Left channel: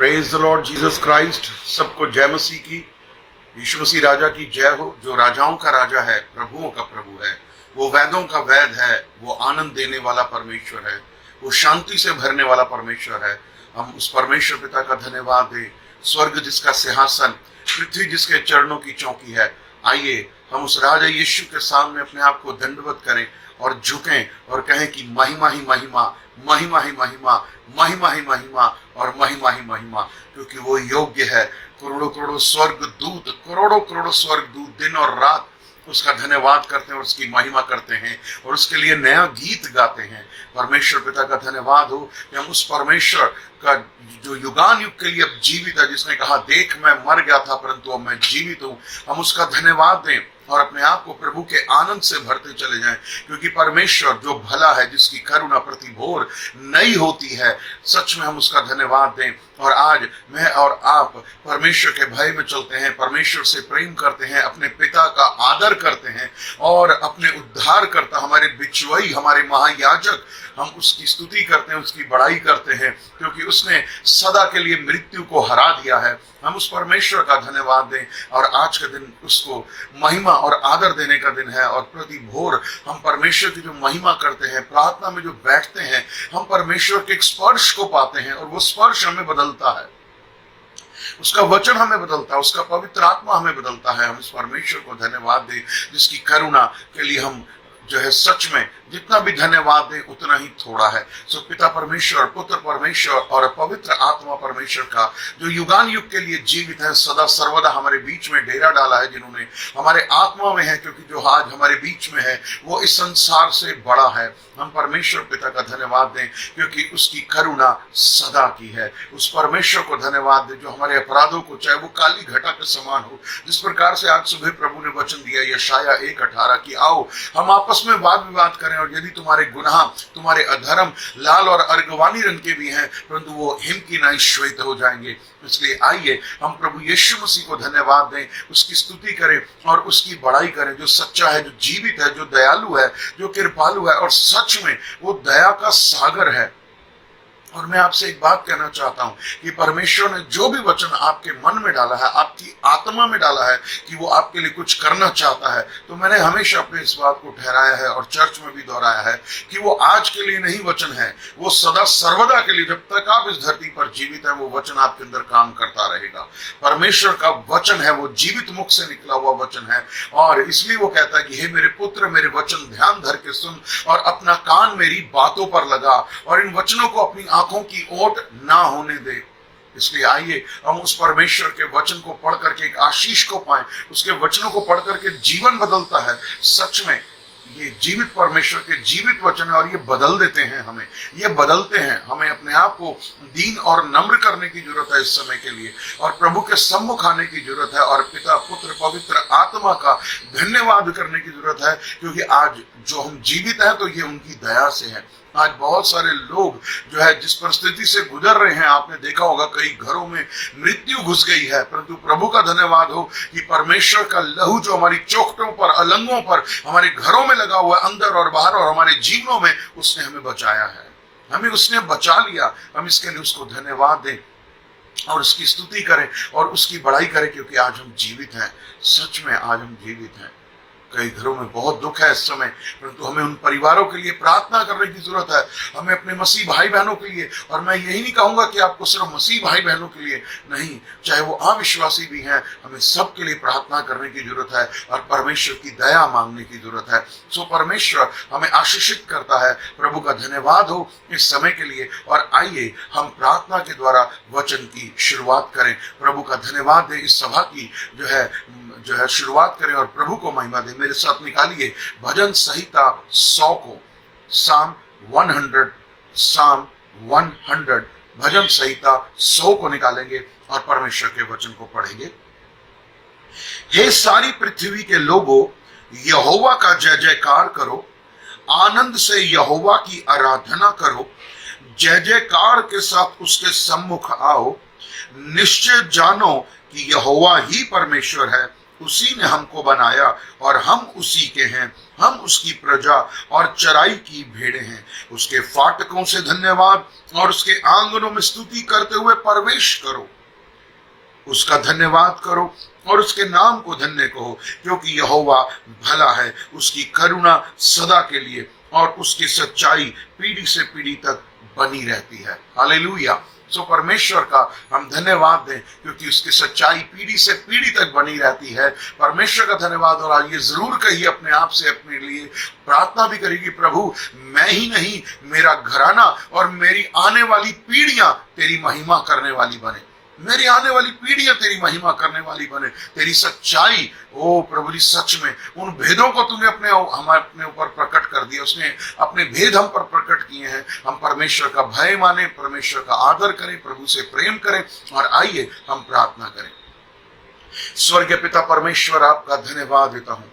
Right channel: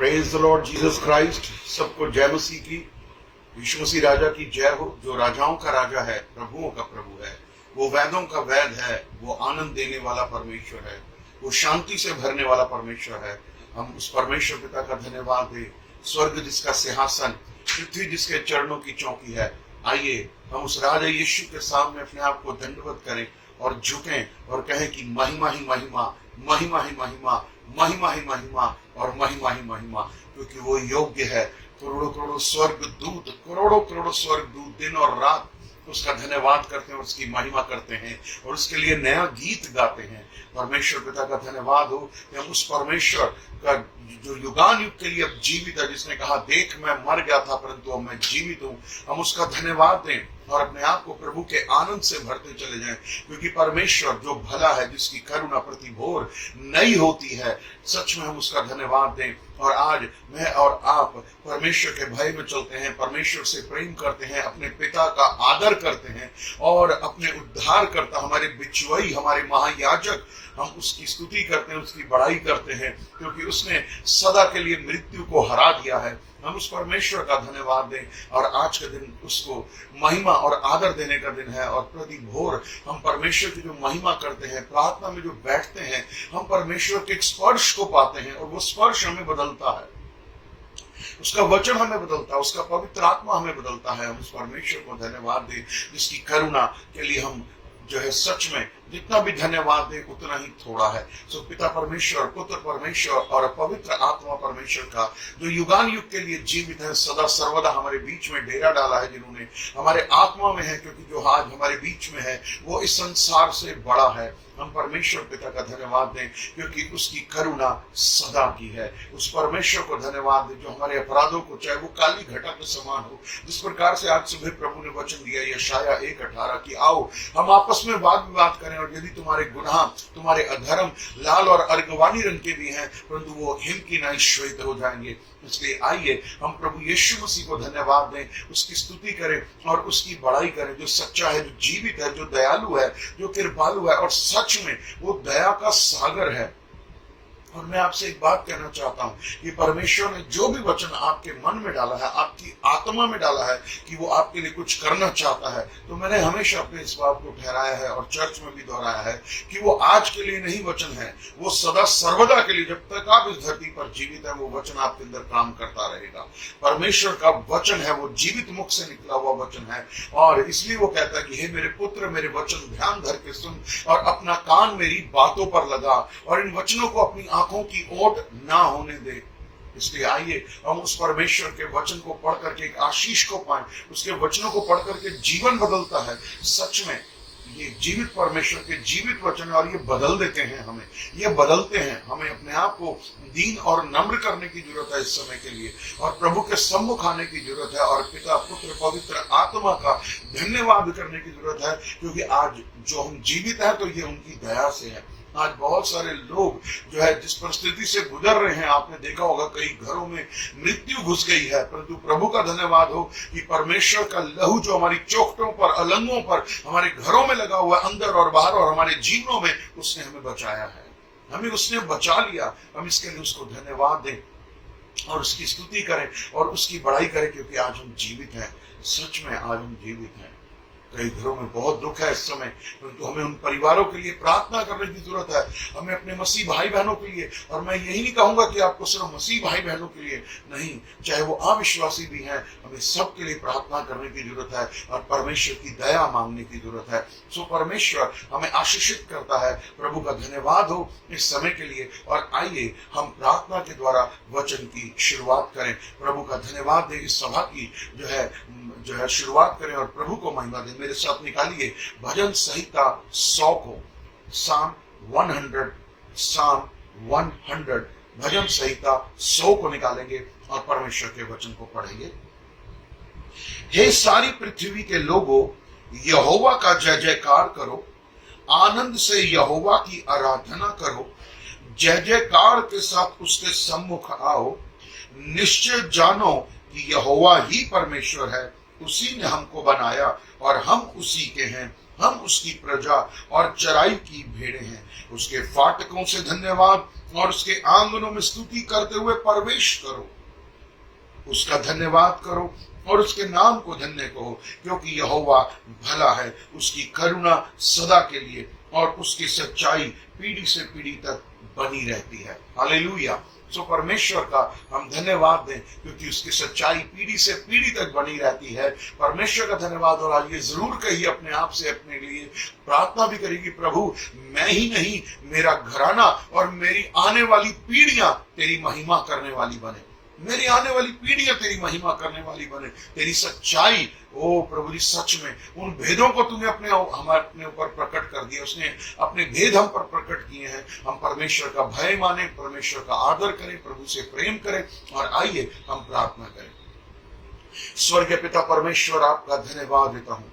Praise the Lord Jesus Christ. सबको जय मसीह की। यीशु मसीह राजा की जय हो, जो राजाओं का राजा है, प्रभुओं का प्रभु है। वो वेदों का वेद है, वो आनंद देने वाला परमेश्वर है, वो शांति से भरने वाला परमेश्वर है। हम उस परमेश्वर पिता का धन्यवाद दें। स्वर्ग जिसका सिंहासन, पृथ्वी जिसके चरणों की चौकी है। आइए हम उस राजा यीशु के सामने अपने आप को दंडवत करें और झुकें और कहें कि महिमा ही महिमा, महिमा ही महिमा, महिमा ही महिमा और महिमा ही महिमा, क्योंकि वो योग्य है। करोड़ों करोड़ों स्वर्ग दूत, करोड़ों करोड़ों स्वर्ग दूत दिन और रात उसका धन्यवाद करते हैं और उसकी महिमा करते हैं और उसके लिए नया गीत गाते हैं। परमेश्वर पिता का धन्यवाद हो कि हम उस परमेश्वर का जो युगान युग के लिए अब जीवित है, जिसने कहा देख मैं मर गया था परंतु अब मैं जीवित हूं, हम उसका धन्यवाद दें और अपने आप को प्रभु के आनंद से भरते चले जाएं, क्योंकि परमेश्वर जो भला है, जिसकी करुणा प्रति भोर नई होती है, सच में हम उसका धन्यवाद दें। और आज मैं और आप परमेश्वर के भय में चलते हैं, परमेश्वर से प्रेम करते हैं, अपने पिता का आदर करते हैं और अपने उद्धार करता हमारे बिचवई, हमारे महायाजक, हम उसकी स्तुति करते हैं, उसकी बड़ाई करते हैं, क्योंकि उसने सदा के लिए मृत्यु को हरा दिया है। हम उस परमेश्वर का धन्यवाद दें और आज का दिन उसको महिमा और आदर देने का दिन है। और प्रति भोर हम परमेश्वर की जो महिमा करते हैं, प्रार्थना में जो बैठते हैं, हम परमेश्वर के एक स्पर्श को पाते हैं और वो स्पर्श हमें बदलता है, उसका वचन हमें बदलता है, उसका पवित्र आत्मा हमें बदलता है। हम इस परमेश्वर को धन्यवाद दें जिसकी करुणा के लिए हम जो है सच में जितना भी धन्यवाद दें उतना ही थोड़ा है। सो पिता परमेश्वर, पुत्र परमेश्वर और पवित्र आत्मा परमेश्वर का जो युगान युग के लिए जीवित है, सदा सर्वदा हमारे बीच में डेरा डाला है, जिन्होंने हमारे आत्मा में है, क्योंकि जो आज हमारे बीच में है वो इस संसार से बड़ा है। हम परमेश्वर पिता का धन्यवाद दें क्योंकि उसकी करुणा सदा की है। उस परमेश्वर को धन्यवाद दें जो हमारे अपराधों को, चाहे वो काली घटा के समान हो, जिस प्रकार से आज सुबह प्रभु ने वचन दिया यशाया 1:18 की आओ हम आपस में वाद विवाद करें, और यदि तुम्हारे गुनाह, तुम्हारे अधर्म लाल और अर्गवानी रंग के भी हैं, परंतु वो हिम की नाई श्वेत हो जाएंगे। इसलिए आइए हम प्रभु यीशु मसीह को धन्यवाद दें, उसकी स्तुति करें और उसकी बड़ाई करें, जो सच्चा है, जो जीवित है, जो दयालु है, जो कृपालु है और सच में वो दया का सागर है। और मैं आपसे एक बात कहना चाहता हूं कि परमेश्वर ने जो भी वचन आपके मन में डाला है, आपकी आत्मा में डाला है कि वो आपके लिए कुछ करना चाहता है, तो मैंने हमेशा अपने इस बात को ठहराया है और चर्च में भी दोहराया है कि वो आज के लिए नहीं वचन है, वो सदा सर्वदा के लिए, जब तक आप इस धरती पर जीवित है, वो वचन आपके अंदर काम करता रहेगा। परमेश्वर का वचन है, वो जीवित मुख से निकला हुआ वचन है, और इसलिए वो कहता है कि हे मेरे पुत्र, मेरे वचन ध्यान धर के सुन और अपना कान मेरी बातों पर लगा और इन वचनों को अपनी आंखों की ओट ना होने दे। इसलिए आइए हम उस परमेश्वर के वचन को पढ़ करके एक आशीष को पाएं। उसके वचनों को पढ़ करके जीवन बदलता है। सच में ये जीवित परमेश्वर के जीवित वचन है और ये बदल देते हैं हमें, ये बदलते हैं हमें। अपने आप को दीन और नम्र करने की जरूरत है इस समय के लिए, और प्रभु के सम्मुख आने की जरूरत है, और पिता पुत्र पवित्र आत्मा का धन्यवाद करने की जरूरत है, क्योंकि आज जो हम जीवित हैं तो ये उनकी दया से है। आज बहुत सारे लोग जो है जिस परिस्थिति से गुजर रहे हैं, आपने देखा होगा कई घरों में मृत्यु घुस गई है, परंतु प्रभु का धन्यवाद हो कि परमेश्वर का लहू जो हमारी चौखटों पर, अलंगों पर, हमारे घरों में लगा हुआ, अंदर और बाहर और हमारे जीवनों में, उसने हमें बचाया है, हमें उसने बचा लिया। हम इसके लिए उसको धन्यवाद दें और उसकी स्तुति करें और उसकी बड़ाई करें, क्योंकि आज हम जीवित हैं। सच में आज हम जीवित हैं। कई घरों में बहुत दुख है इस समय, परंतु हमें उन परिवारों के लिए प्रार्थना करने की जरूरत है, हमें अपने मसीह भाई बहनों के लिए। और मैं यही नहीं कहूंगा कि आपको सिर्फ मसीह भाई बहनों के लिए नहीं, चाहे वो अविश्वासी भी हैं, हमें सबके लिए प्रार्थना करने की जरूरत है और परमेश्वर की दया मांगने की जरूरत है। सो परमेश्वर हमें आशीषित करता है। प्रभु का धन्यवाद हो इस समय के लिए। और आइए हम प्रार्थना के द्वारा वचन की शुरुआत करें। प्रभु का धन्यवाद दें, इस सभा की जो है शुरुआत करें और प्रभु को महिमा दें। मेरे साथ निकालिए भजन संहिता 100 को, साम 100 भजन संहिता 100 को निकालेंगे और परमेश्वर के वचन को पढ़ेंगे। हे सारी पृथ्वी के लोगों, यहोवा का जय जयकार करो, आनंद से यहोवा की आराधना करो, जय जयकार के साथ उसके सम्मुख आओ। निश्चय जानो कि यहोवा ही परमेश्वर है, उसी ने हमको बनाया और हम उसी के हैं, हम उसकी प्रजा और चराई की भेड़ें हैं। उसके फाटकों से धन्यवाद और उसके आंगनों में स्तुति करते हुए प्रवेश करो। उसका धन्यवाद करो और उसके नाम को धन्य कहो, क्योंकि यहोवा भला है, उसकी करुणा सदा के लिए और उसकी सच्चाई पीढ़ी से पीढ़ी तक बनी रहती है। हालेलुया। सो परमेश्वर का हम धन्यवाद दें, क्योंकि उसकी सच्चाई पीढ़ी से पीढ़ी तक बनी रहती है। परमेश्वर का धन्यवाद। और आज ये जरूर कहिए अपने आप से, अपने लिए प्रार्थना भी करेगी, प्रभु मैं ही नहीं, मेरा घराना और मेरी आने वाली पीढ़ियां तेरी महिमा करने वाली बने, मेरी आने वाली पीढ़ियां तेरी महिमा करने वाली बने। तेरी सच्चाई, ओ प्रभु जी, सच में उन भेदों को तूने अपने ऊपर प्रकट कर दिया, उसने अपने भेद हम पर प्रकट किए हैं। हम परमेश्वर का भय माने, परमेश्वर का आदर करें, प्रभु से प्रेम करें। और आइए हम प्रार्थना करें। स्वर्गीय पिता परमेश्वर, आपका धन्यवाद देता हूं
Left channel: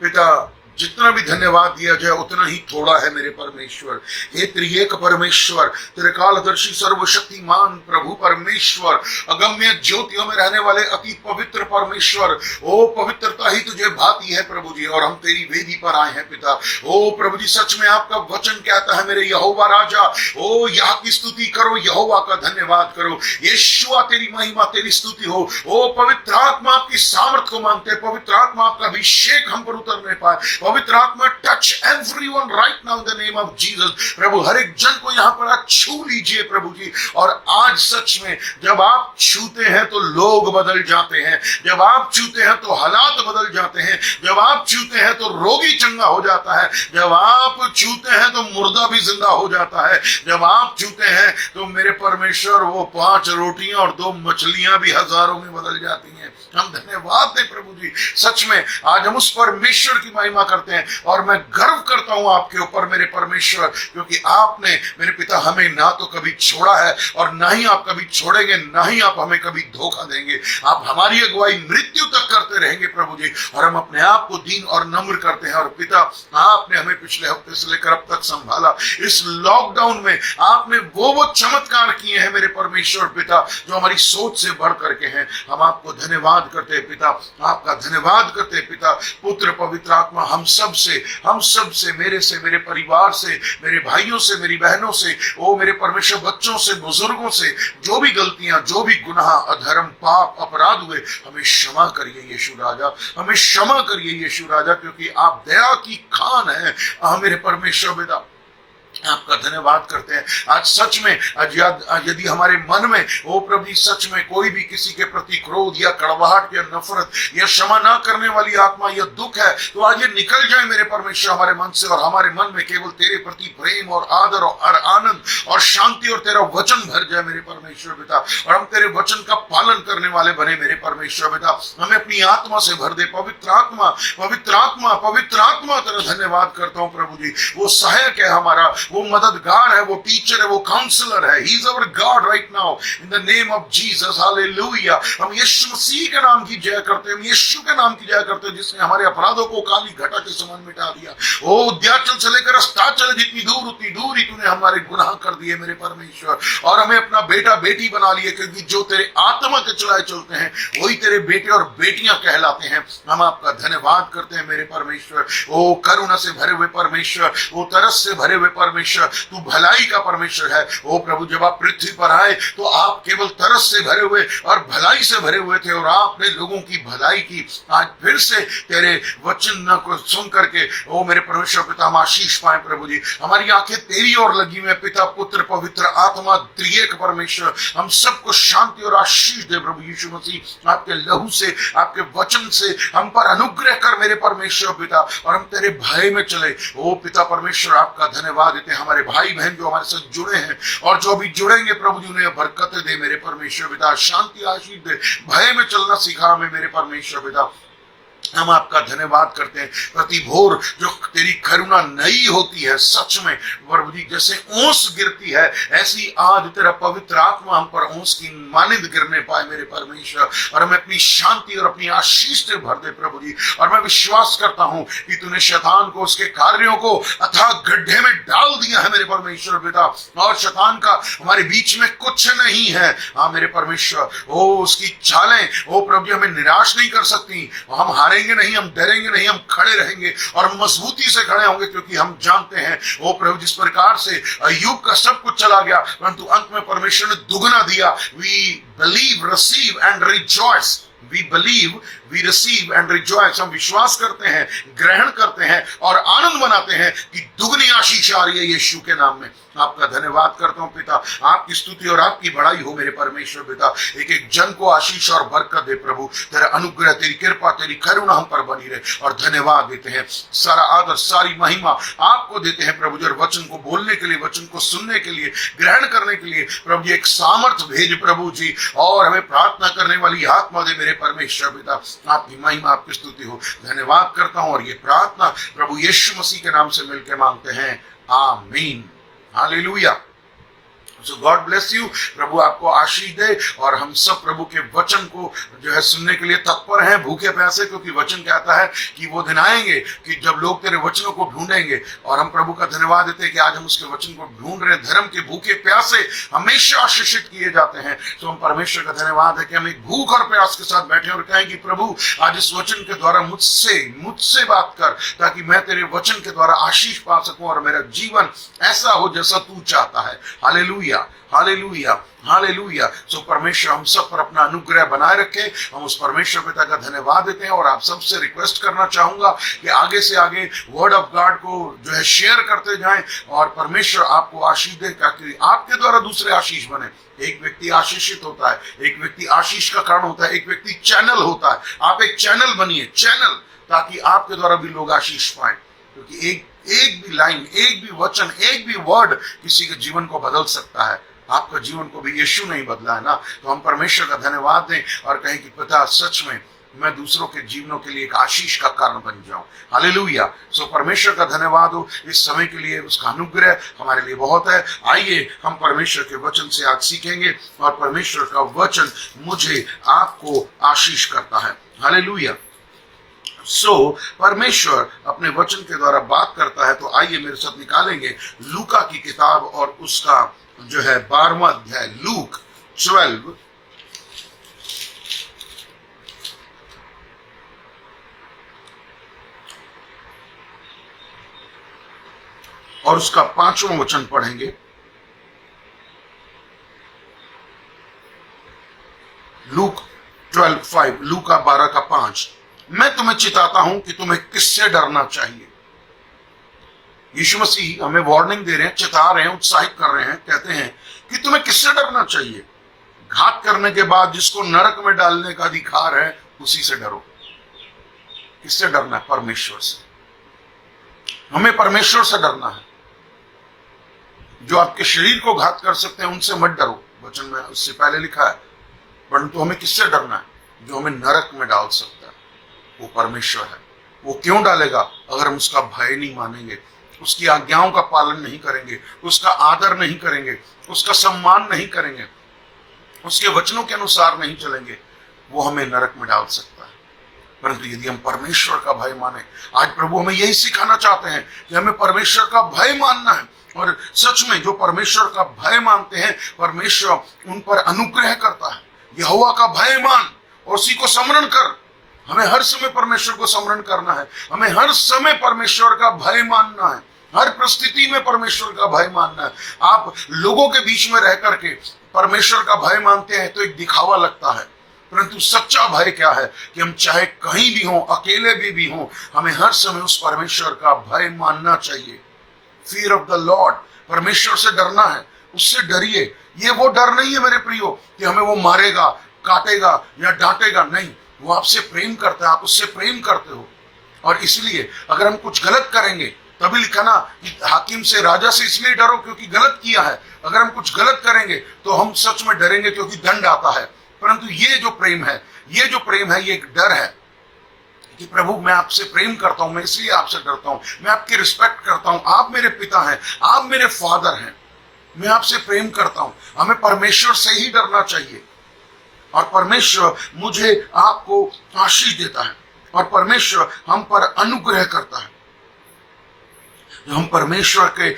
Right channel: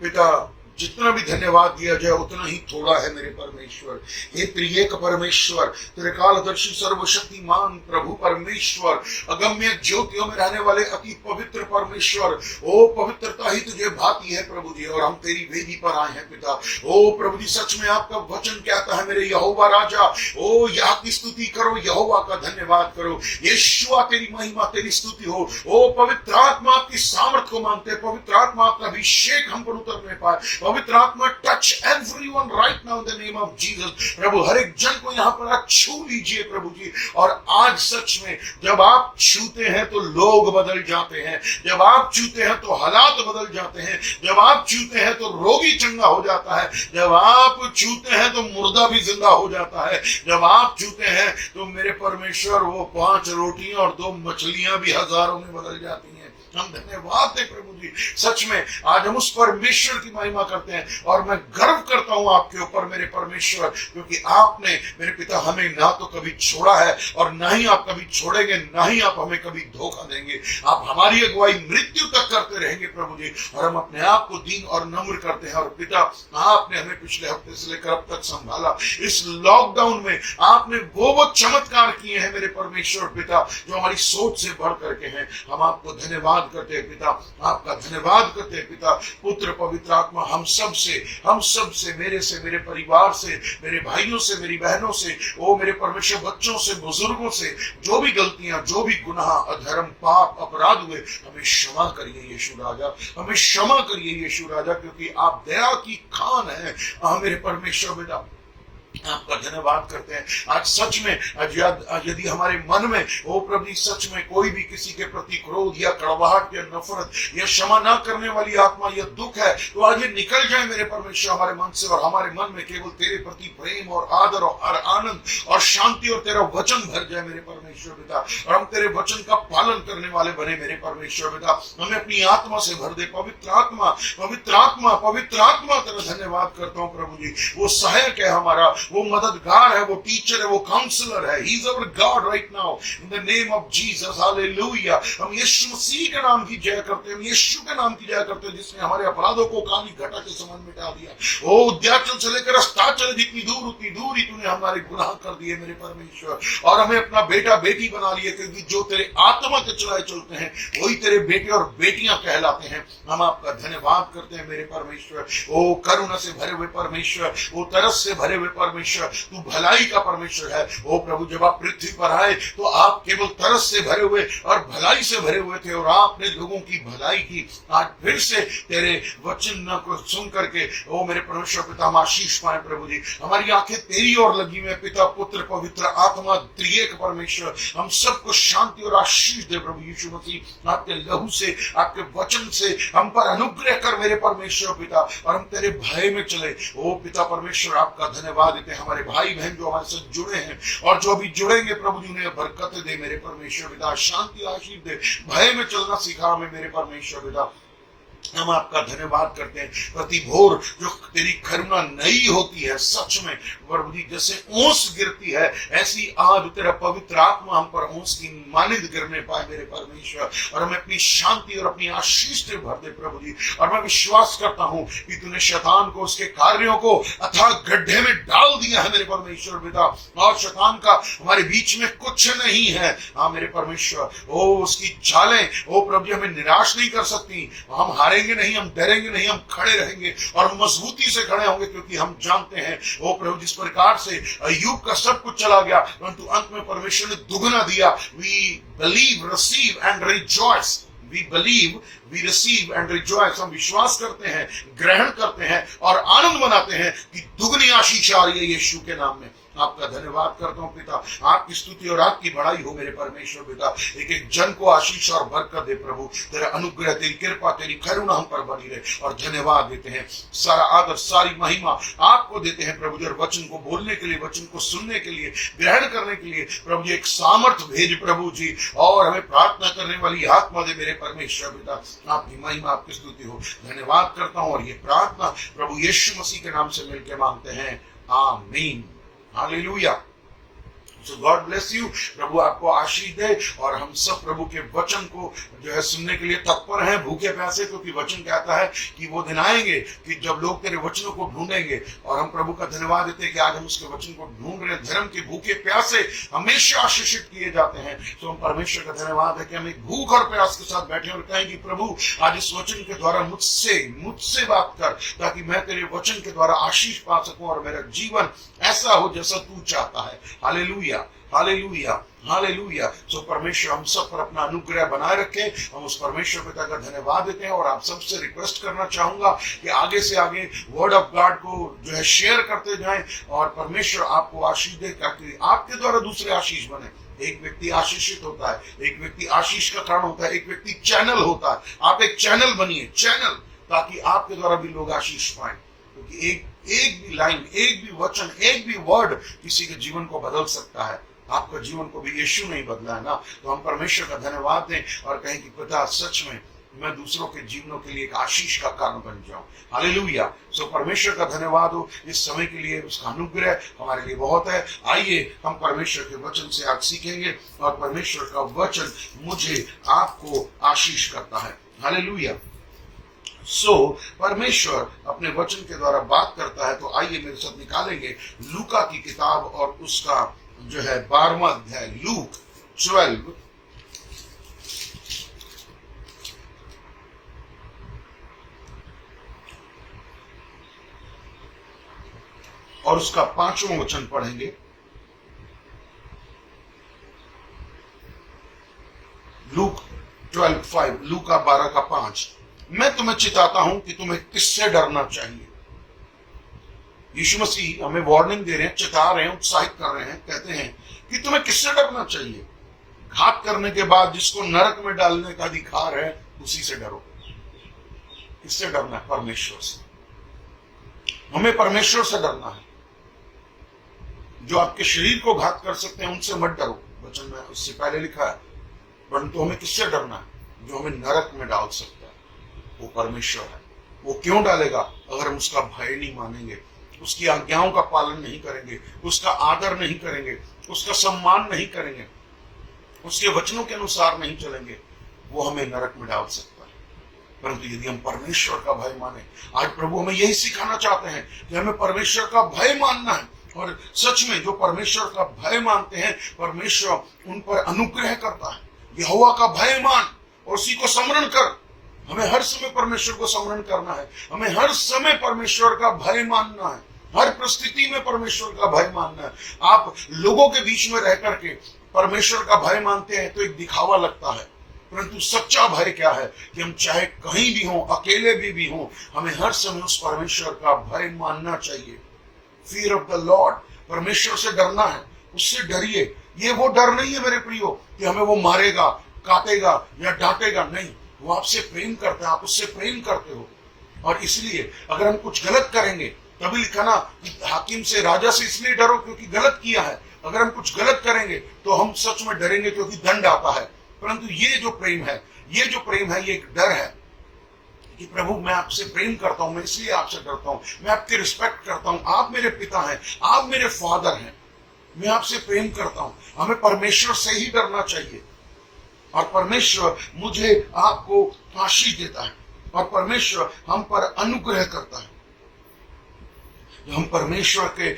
पिता। जितना भी धन्यवाद दिया जाए उतना ही थोड़ा है मेरे परमेश्वर। हे त्रिएक परमेश्वर, तेरे कालदर्शी सर्वशक्तिमान प्रभु परमेश्वर, अगम्य ज्योतियों में रहने वाले अति पवित्र परमेश्वर, ओ पवित्रता ही तुझे भाती है प्रभु जी। और हम तेरी वेदी पर आए हैं पिता। ओ प्रभु जी, सच में आपका वचन कहता है, मेरे यहोवा राजा, ओ यहाँ की स्तुति करो, यहोवा का धन्यवाद करो। यीशुआ तेरी महिमा, तेरी स्तुति हो। ओ पवित्र आत्मा, आपकी सामर्थ को मांगते हैं। पवित्र आत्मा, आपका अभिषेक हम पर उतरने पाए। पवित्र आत्मा, touch everyone right now in the name of Jesus. प्रभु हर एक जन को यहाँ पर आप छू लीजिए प्रभु जी। और आज सच में जब आप छूते हैं तो लोग बदल जाते हैं, जब आप छूते हैं तो हालात बदल जाते हैं, जब आप छूते हैं तो रोगी चंगा हो जाता है, जब आप छूते हैं तो मुर्दा भी जिंदा हो जाता है, जब आप छूते हैं तो मेरे परमेश्वर वो 5 रोटियां और 2 मछलियां भी हजारों में बदल जाती हैं। हम धन्यवाद दें प्रभु जी। सच में आज हम उस परमेश्वर की महिमा करते हैं और मैं गर्व करता हूं आपके ऊपर मेरे परमेश्वर, क्योंकि आपने मेरे पिता हमें ना तो कभी छोड़ा है और ना ही आप कभी छोड़ेंगे, ना ही आप हमें कभी धोखा देंगे। आप हमारी अगुवाई मृत्यु तक करते रहेंगे प्रभु जी। और हम अपने आप को दीन और नम्र करते हैं। और पिता, आपने हमें पिछले हफ्ते से लेकर अब तक संभाला। इस लॉकडाउन में आपने वो चमत्कार किए हैं मेरे परमेश्वर पिता, जो हमारी सोच से बढ़ करके हैं। हम आपको धन्यवाद करते हैं पिता, आपका धन्यवाद करते हैं पिता। पुत्र पवित्र आत्मा हम सब से, मेरे से, मेरे परिवार से, मेरे भाइयों से, मेरी बहनों से, ओ मेरे परमेश्वर बच्चों से, बुजुर्गों से, जो भी गलतियां, जो भी गुनाह, अधर्म, पाप, अपराध हुए, हमें क्षमा करिए यीशु राजा, हमें क्षमा करिए यीशु राजा, क्योंकि आप दया की खान है मेरे परमेश्वर पिता। आपका धन्यवाद करते हैं। आज सच में यदि हमारे मन में ओ प्रभु सच में कोई भी किसी के प्रति क्रोध या कड़वाहट या नफरत या क्षमा ना करने वाली आत्मा या दुख है, तो आज ये निकल जाए मेरे परमेश्वर हमारे मन से, और हमारे मन में केवल तेरे प्रति प्रेम और आदर और आनंद और शांति और तेरा वचन भर जाए मेरे परमेश्वर पिता। और हम तेरे वचन का पालन करने वाले बने मेरे परमेश्वर पिता। हमें अपनी आत्मा से भर दे। पवित्र आत्मा, पवित्र आत्मा, पवित्र आत्मा, तेरा धन्यवाद करता हूं प्रभु जी। वो सहायक है हमारा, वो मददगार है, वो टीचर है, वो काउंसलर है। He is our God right now in the name of Jesus. Hallelujah. हम यीशु मसीह के नाम की जय करते हैं, हम यीशु के नाम की जय करते हैं, जिसने हमारे अपराधों को काली घटा के समान मिटा दिया। ओ उद्याचल से लेकर अस्ताचल, जितनी दूर उतनी दूर ही तूने हमारे गुनाह कर दिए मेरे परमेश्वर, और हमें अपना बेटा बेटी बना लिए, क्योंकि जो तेरे आत्मा के चलाए चलते हैं वही तेरे बेटे और बेटियां कहलाते हैं। हम आपका धन्यवाद करते हैं मेरे परमेश्वर। ओ करुणा से भरे हुए परमेश्वर, ओ तरस से भरे हुए परमेश्वर, तू भलाई का परमेश्वर है। ओ प्रभु, जब आप पृथ्वी पर आए तो आप केवल तरस से भरे हुए और भलाई से भरे हुए थे, और आपने लोगों की भलाई की। आज फिर से तेरे वचन को सुन करके ओ मेरे परमेश्वर पिता हम आशीष पाए प्रभु जी। हमारी आंखें तेरी ओर लगी हुई, पिता, पुत्र, पवित्र आत्मा, त्रिएक परमेश्वर, हम सबको शांति और आशीष दे प्रभु यीशु मसीह। आपके लहू से, आपके वचन से हम पर अनुग्रह कर मेरे परमेश्वर पिता, और हम तेरे भय में चले। ओ पिता परमेश्वर, आपका धन्यवाद देते हैं। हमारे भाई बहन जो हमारे साथ जुड़े हैं और जो भी जुड़ेंगे प्रभु जी, उन्हें बरकत दे मेरे परमेश्वर पिता, शांति आशीष दे, भय में चलना सिखा हमें मेरे परमेश्वर पिता। हम आपका धन्यवाद करते हैं। प्रति भोर जो तेरी करुणा नई होती है, सच में प्रभु जी जैसे ओस गिरती है, ऐसी आज तेरा पवित्र आत्मा हम पर ओस की मानिंद गिरने पाए मेरे परमेश्वर, और हमें अपनी शांति और अपनी आशीष से भर दे प्रभु जी। और मैं विश्वास करता हूं कि तूने शैतान को, उसके कार्यों को अथाह गड्ढे में डाल दिया है मेरे परमेश्वर पिता, और शैतान का हमारे बीच में कुछ नहीं है। हाँ मेरे परमेश्वर, ओ उसकी चालें ओ प्रभु जी हमें निराश नहीं कर सकती। हम हारेंगे नहीं, हम डरेंगे नहीं, हम खड़े रहेंगे और मजबूती से खड़े होंगे, क्योंकि हम जानते हैं ओ प्रभु जिस प्रकार से अय्यूब का सब कुछ चला गया परंतु अंत में परमेश्वर ने दुगना दिया। We believe, receive and rejoice. We believe, we receive and rejoice। हम विश्वास करते हैं, ग्रहण करते हैं और आनंद मनाते हैं कि दुगनी आशीष आ रही है यीशु के नाम में। आपका धन्यवाद करता हूं पिता, आपकी स्तुति और आपकी बड़ाई हो मेरे परमेश्वर पिता। एक एक जन को आशीष और बरकत दे प्रभु, तेरा अनुग्रह, तेरी कृपा, तेरी करुणा हम पर बनी रहे, और धन्यवाद देते हैं। सारा आदर, सारी महिमा आपको देते हैं प्रभु जी। और वचन को बोलने के लिए, वचन को सुनने के लिए, ग्रहण करने के लिए प्रभु जी एक सामर्थ भेज प्रभु जी, और हमें प्रार्थना करने वाली आत्मा दे मेरे परमेश्वर पिता। आपकी महिमा, आपकी स्तुति हो। धन्यवाद करता हूं और ये प्रार्थना प्रभु यीशु मसीह के नाम से मिलकर मांगते हैं, आमीन, हालेलुया। So God bless you. प्रभु आपको आशीष दे, और हम सब प्रभु के वचन को जो है सुनने के लिए तत्पर हैं, भूखे प्यासे, क्योंकि वचन कहता है कि वो दिन आएंगे कि जब लोग तेरे वचनों को ढूंढेंगे। और हम प्रभु का धन्यवाद देते हैं कि आज हम उसके वचन को ढूंढ रहे हैं। धर्म के भूखे प्यासे हमेशा आशीषित किए जाते हैं। तो हम परमेश्वर का धन्यवाद है कि हम एक भूख और प्यास के साथ बैठे और कहें कि प्रभु आज इस वचन के द्वारा मुझसे बात कर, ताकि मैं तेरे वचन के द्वारा आशीष पा सकूं और मेरा जीवन ऐसा हो जैसा तू चाहता है। Hallelujah, hallelujah, hallelujah. सो परमेश्वर हम सब पर अपना अनुग्रह बनाए रखे। हम उस परमेश्वर पिता का धन्यवाद देते हैं, और आप सबसे रिक्वेस्ट करना चाहूंगा कि आगे से आगे वर्ड ऑफ गॉड को जो है शेयर करते जाएं, और परमेश्वर आपको आशीष दे, ताकि आपके द्वारा दूसरे आशीष बने। एक व्यक्ति आशीषित होता है, एक व्यक्ति आशीष का कारण होता है, एक व्यक्ति चैनल होता है। आप एक चैनल बनिए, चैनल, ताकि आपके द्वारा भी लोग आशीष पाएं, क्योंकि एक भी लाइन, एक भी वचन, एक भी वर्ड किसी के जीवन को बदल सकता है। आपका जीवन को भी यीशु नहीं बदला है ना। तो हम परमेश्वर का धन्यवाद दें और कहें कि पिता सच में मैं दूसरों के जीवनों के लिए एक आशीष का कारण बन जाऊं। हालेलुया। सो परमेश्वर का धन्यवाद हो इस समय के लिए, उसका अनुग्रह हमारे लिए बहुत है। आइए हम परमेश्वर के वचन से आज सीखेंगे, और परमेश्वर का वचन मुझे आपको आशीष करता है। हालेलुया। परमेश्वर अपने वचन के द्वारा बात करता है। तो आइए मेरे साथ निकालेंगे लूका की किताब और उसका जो है 12वां अध्याय, लूक 12 और उसका 5वां वचन पढ़ेंगे। लूक 12:5, लूका 12 का 5। मैं तुम्हें चिताता हूं कि तुम्हें किससे डरना चाहिए। यीशु मसीह हमें वार्निंग दे रहे हैं, चिता रहे हैं, उत्साहित कर रहे हैं, कहते हैं कि तुम्हें किससे डरना चाहिए। घात करने के बाद जिसको नरक में डालने का अधिकार है उसी से डरो। किससे डरना है? परमेश्वर से। हमें परमेश्वर से डरना है। जो आपके शरीर को घात कर सकते हैं उनसे मत डरो, वचन में उससे पहले लिखा है। परंतु हमें किससे डरना है? जो हमें नरक में डाल सकता है वो परमेश्वर है। वो क्यों डालेगा? अगर हम उसका भय नहीं मानेंगे, उसकी आज्ञाओं का पालन नहीं करेंगे, उसका आदर नहीं करेंगे, उसका सम्मान नहीं करेंगे, उसके वचनों के अनुसार नहीं चलेंगे, वो हमें नरक में डाल सकता है। परंतु यदि हम परमेश्वर का भय माने, आज प्रभु हमें यही सिखाना चाहते हैं कि हमें परमेश्वर का भय मानना है। और सच में जो परमेश्वर का भय मानते हैं, परमेश्वर उन पर अनुग्रह करता है। यहोवा का भय मान और उसी को स्मरण कर। हमें हर समय परमेश्वर को स्मरण करना है। हमें हर समय परमेश्वर का भय मानना है। हर परिस्थिति में परमेश्वर का भय मानना है। आप लोगों के बीच में रह करके परमेश्वर का भय मानते हैं तो एक दिखावा लगता है, परंतु सच्चा भय क्या है कि हम चाहे कहीं भी हों, अकेले भी हों, हमें हर समय उस परमेश्वर का भय मानना चाहिए। फियर ऑफ द लॉर्ड, परमेश्वर से डरना है, उससे डरिए। ये वो डर नहीं है मेरे प्रियो कि हमें वो मारेगा, काटेगा या डांटेगा। नहीं, वो आपसे प्रेम करता है, आप उससे प्रेम करते हो। और इसलिए अगर हम कुछ गलत करेंगे, तभी लिखा ना कि हाकिम से, राजा से इसलिए डरो क्योंकि गलत किया है। अगर हम कुछ गलत करेंगे तो हम सच में डरेंगे क्योंकि दंड आता है। परंतु ये जो प्रेम है, ये जो प्रेम है, ये एक डर है कि प्रभु मैं आपसे प्रेम करता हूं, मैं इसलिए आपसे डरता हूं, मैं आपकी रिस्पेक्ट करता हूं, आप मेरे पिता हैं, आप मेरे फादर हैं, मैं आपसे प्रेम करता हूं। हमें परमेश्वर से ही डरना चाहिए और परमेश्वर मुझे आपको आशीष देता है और परमेश्वर हम पर अनुग्रह करता है। हम परमेश्वर के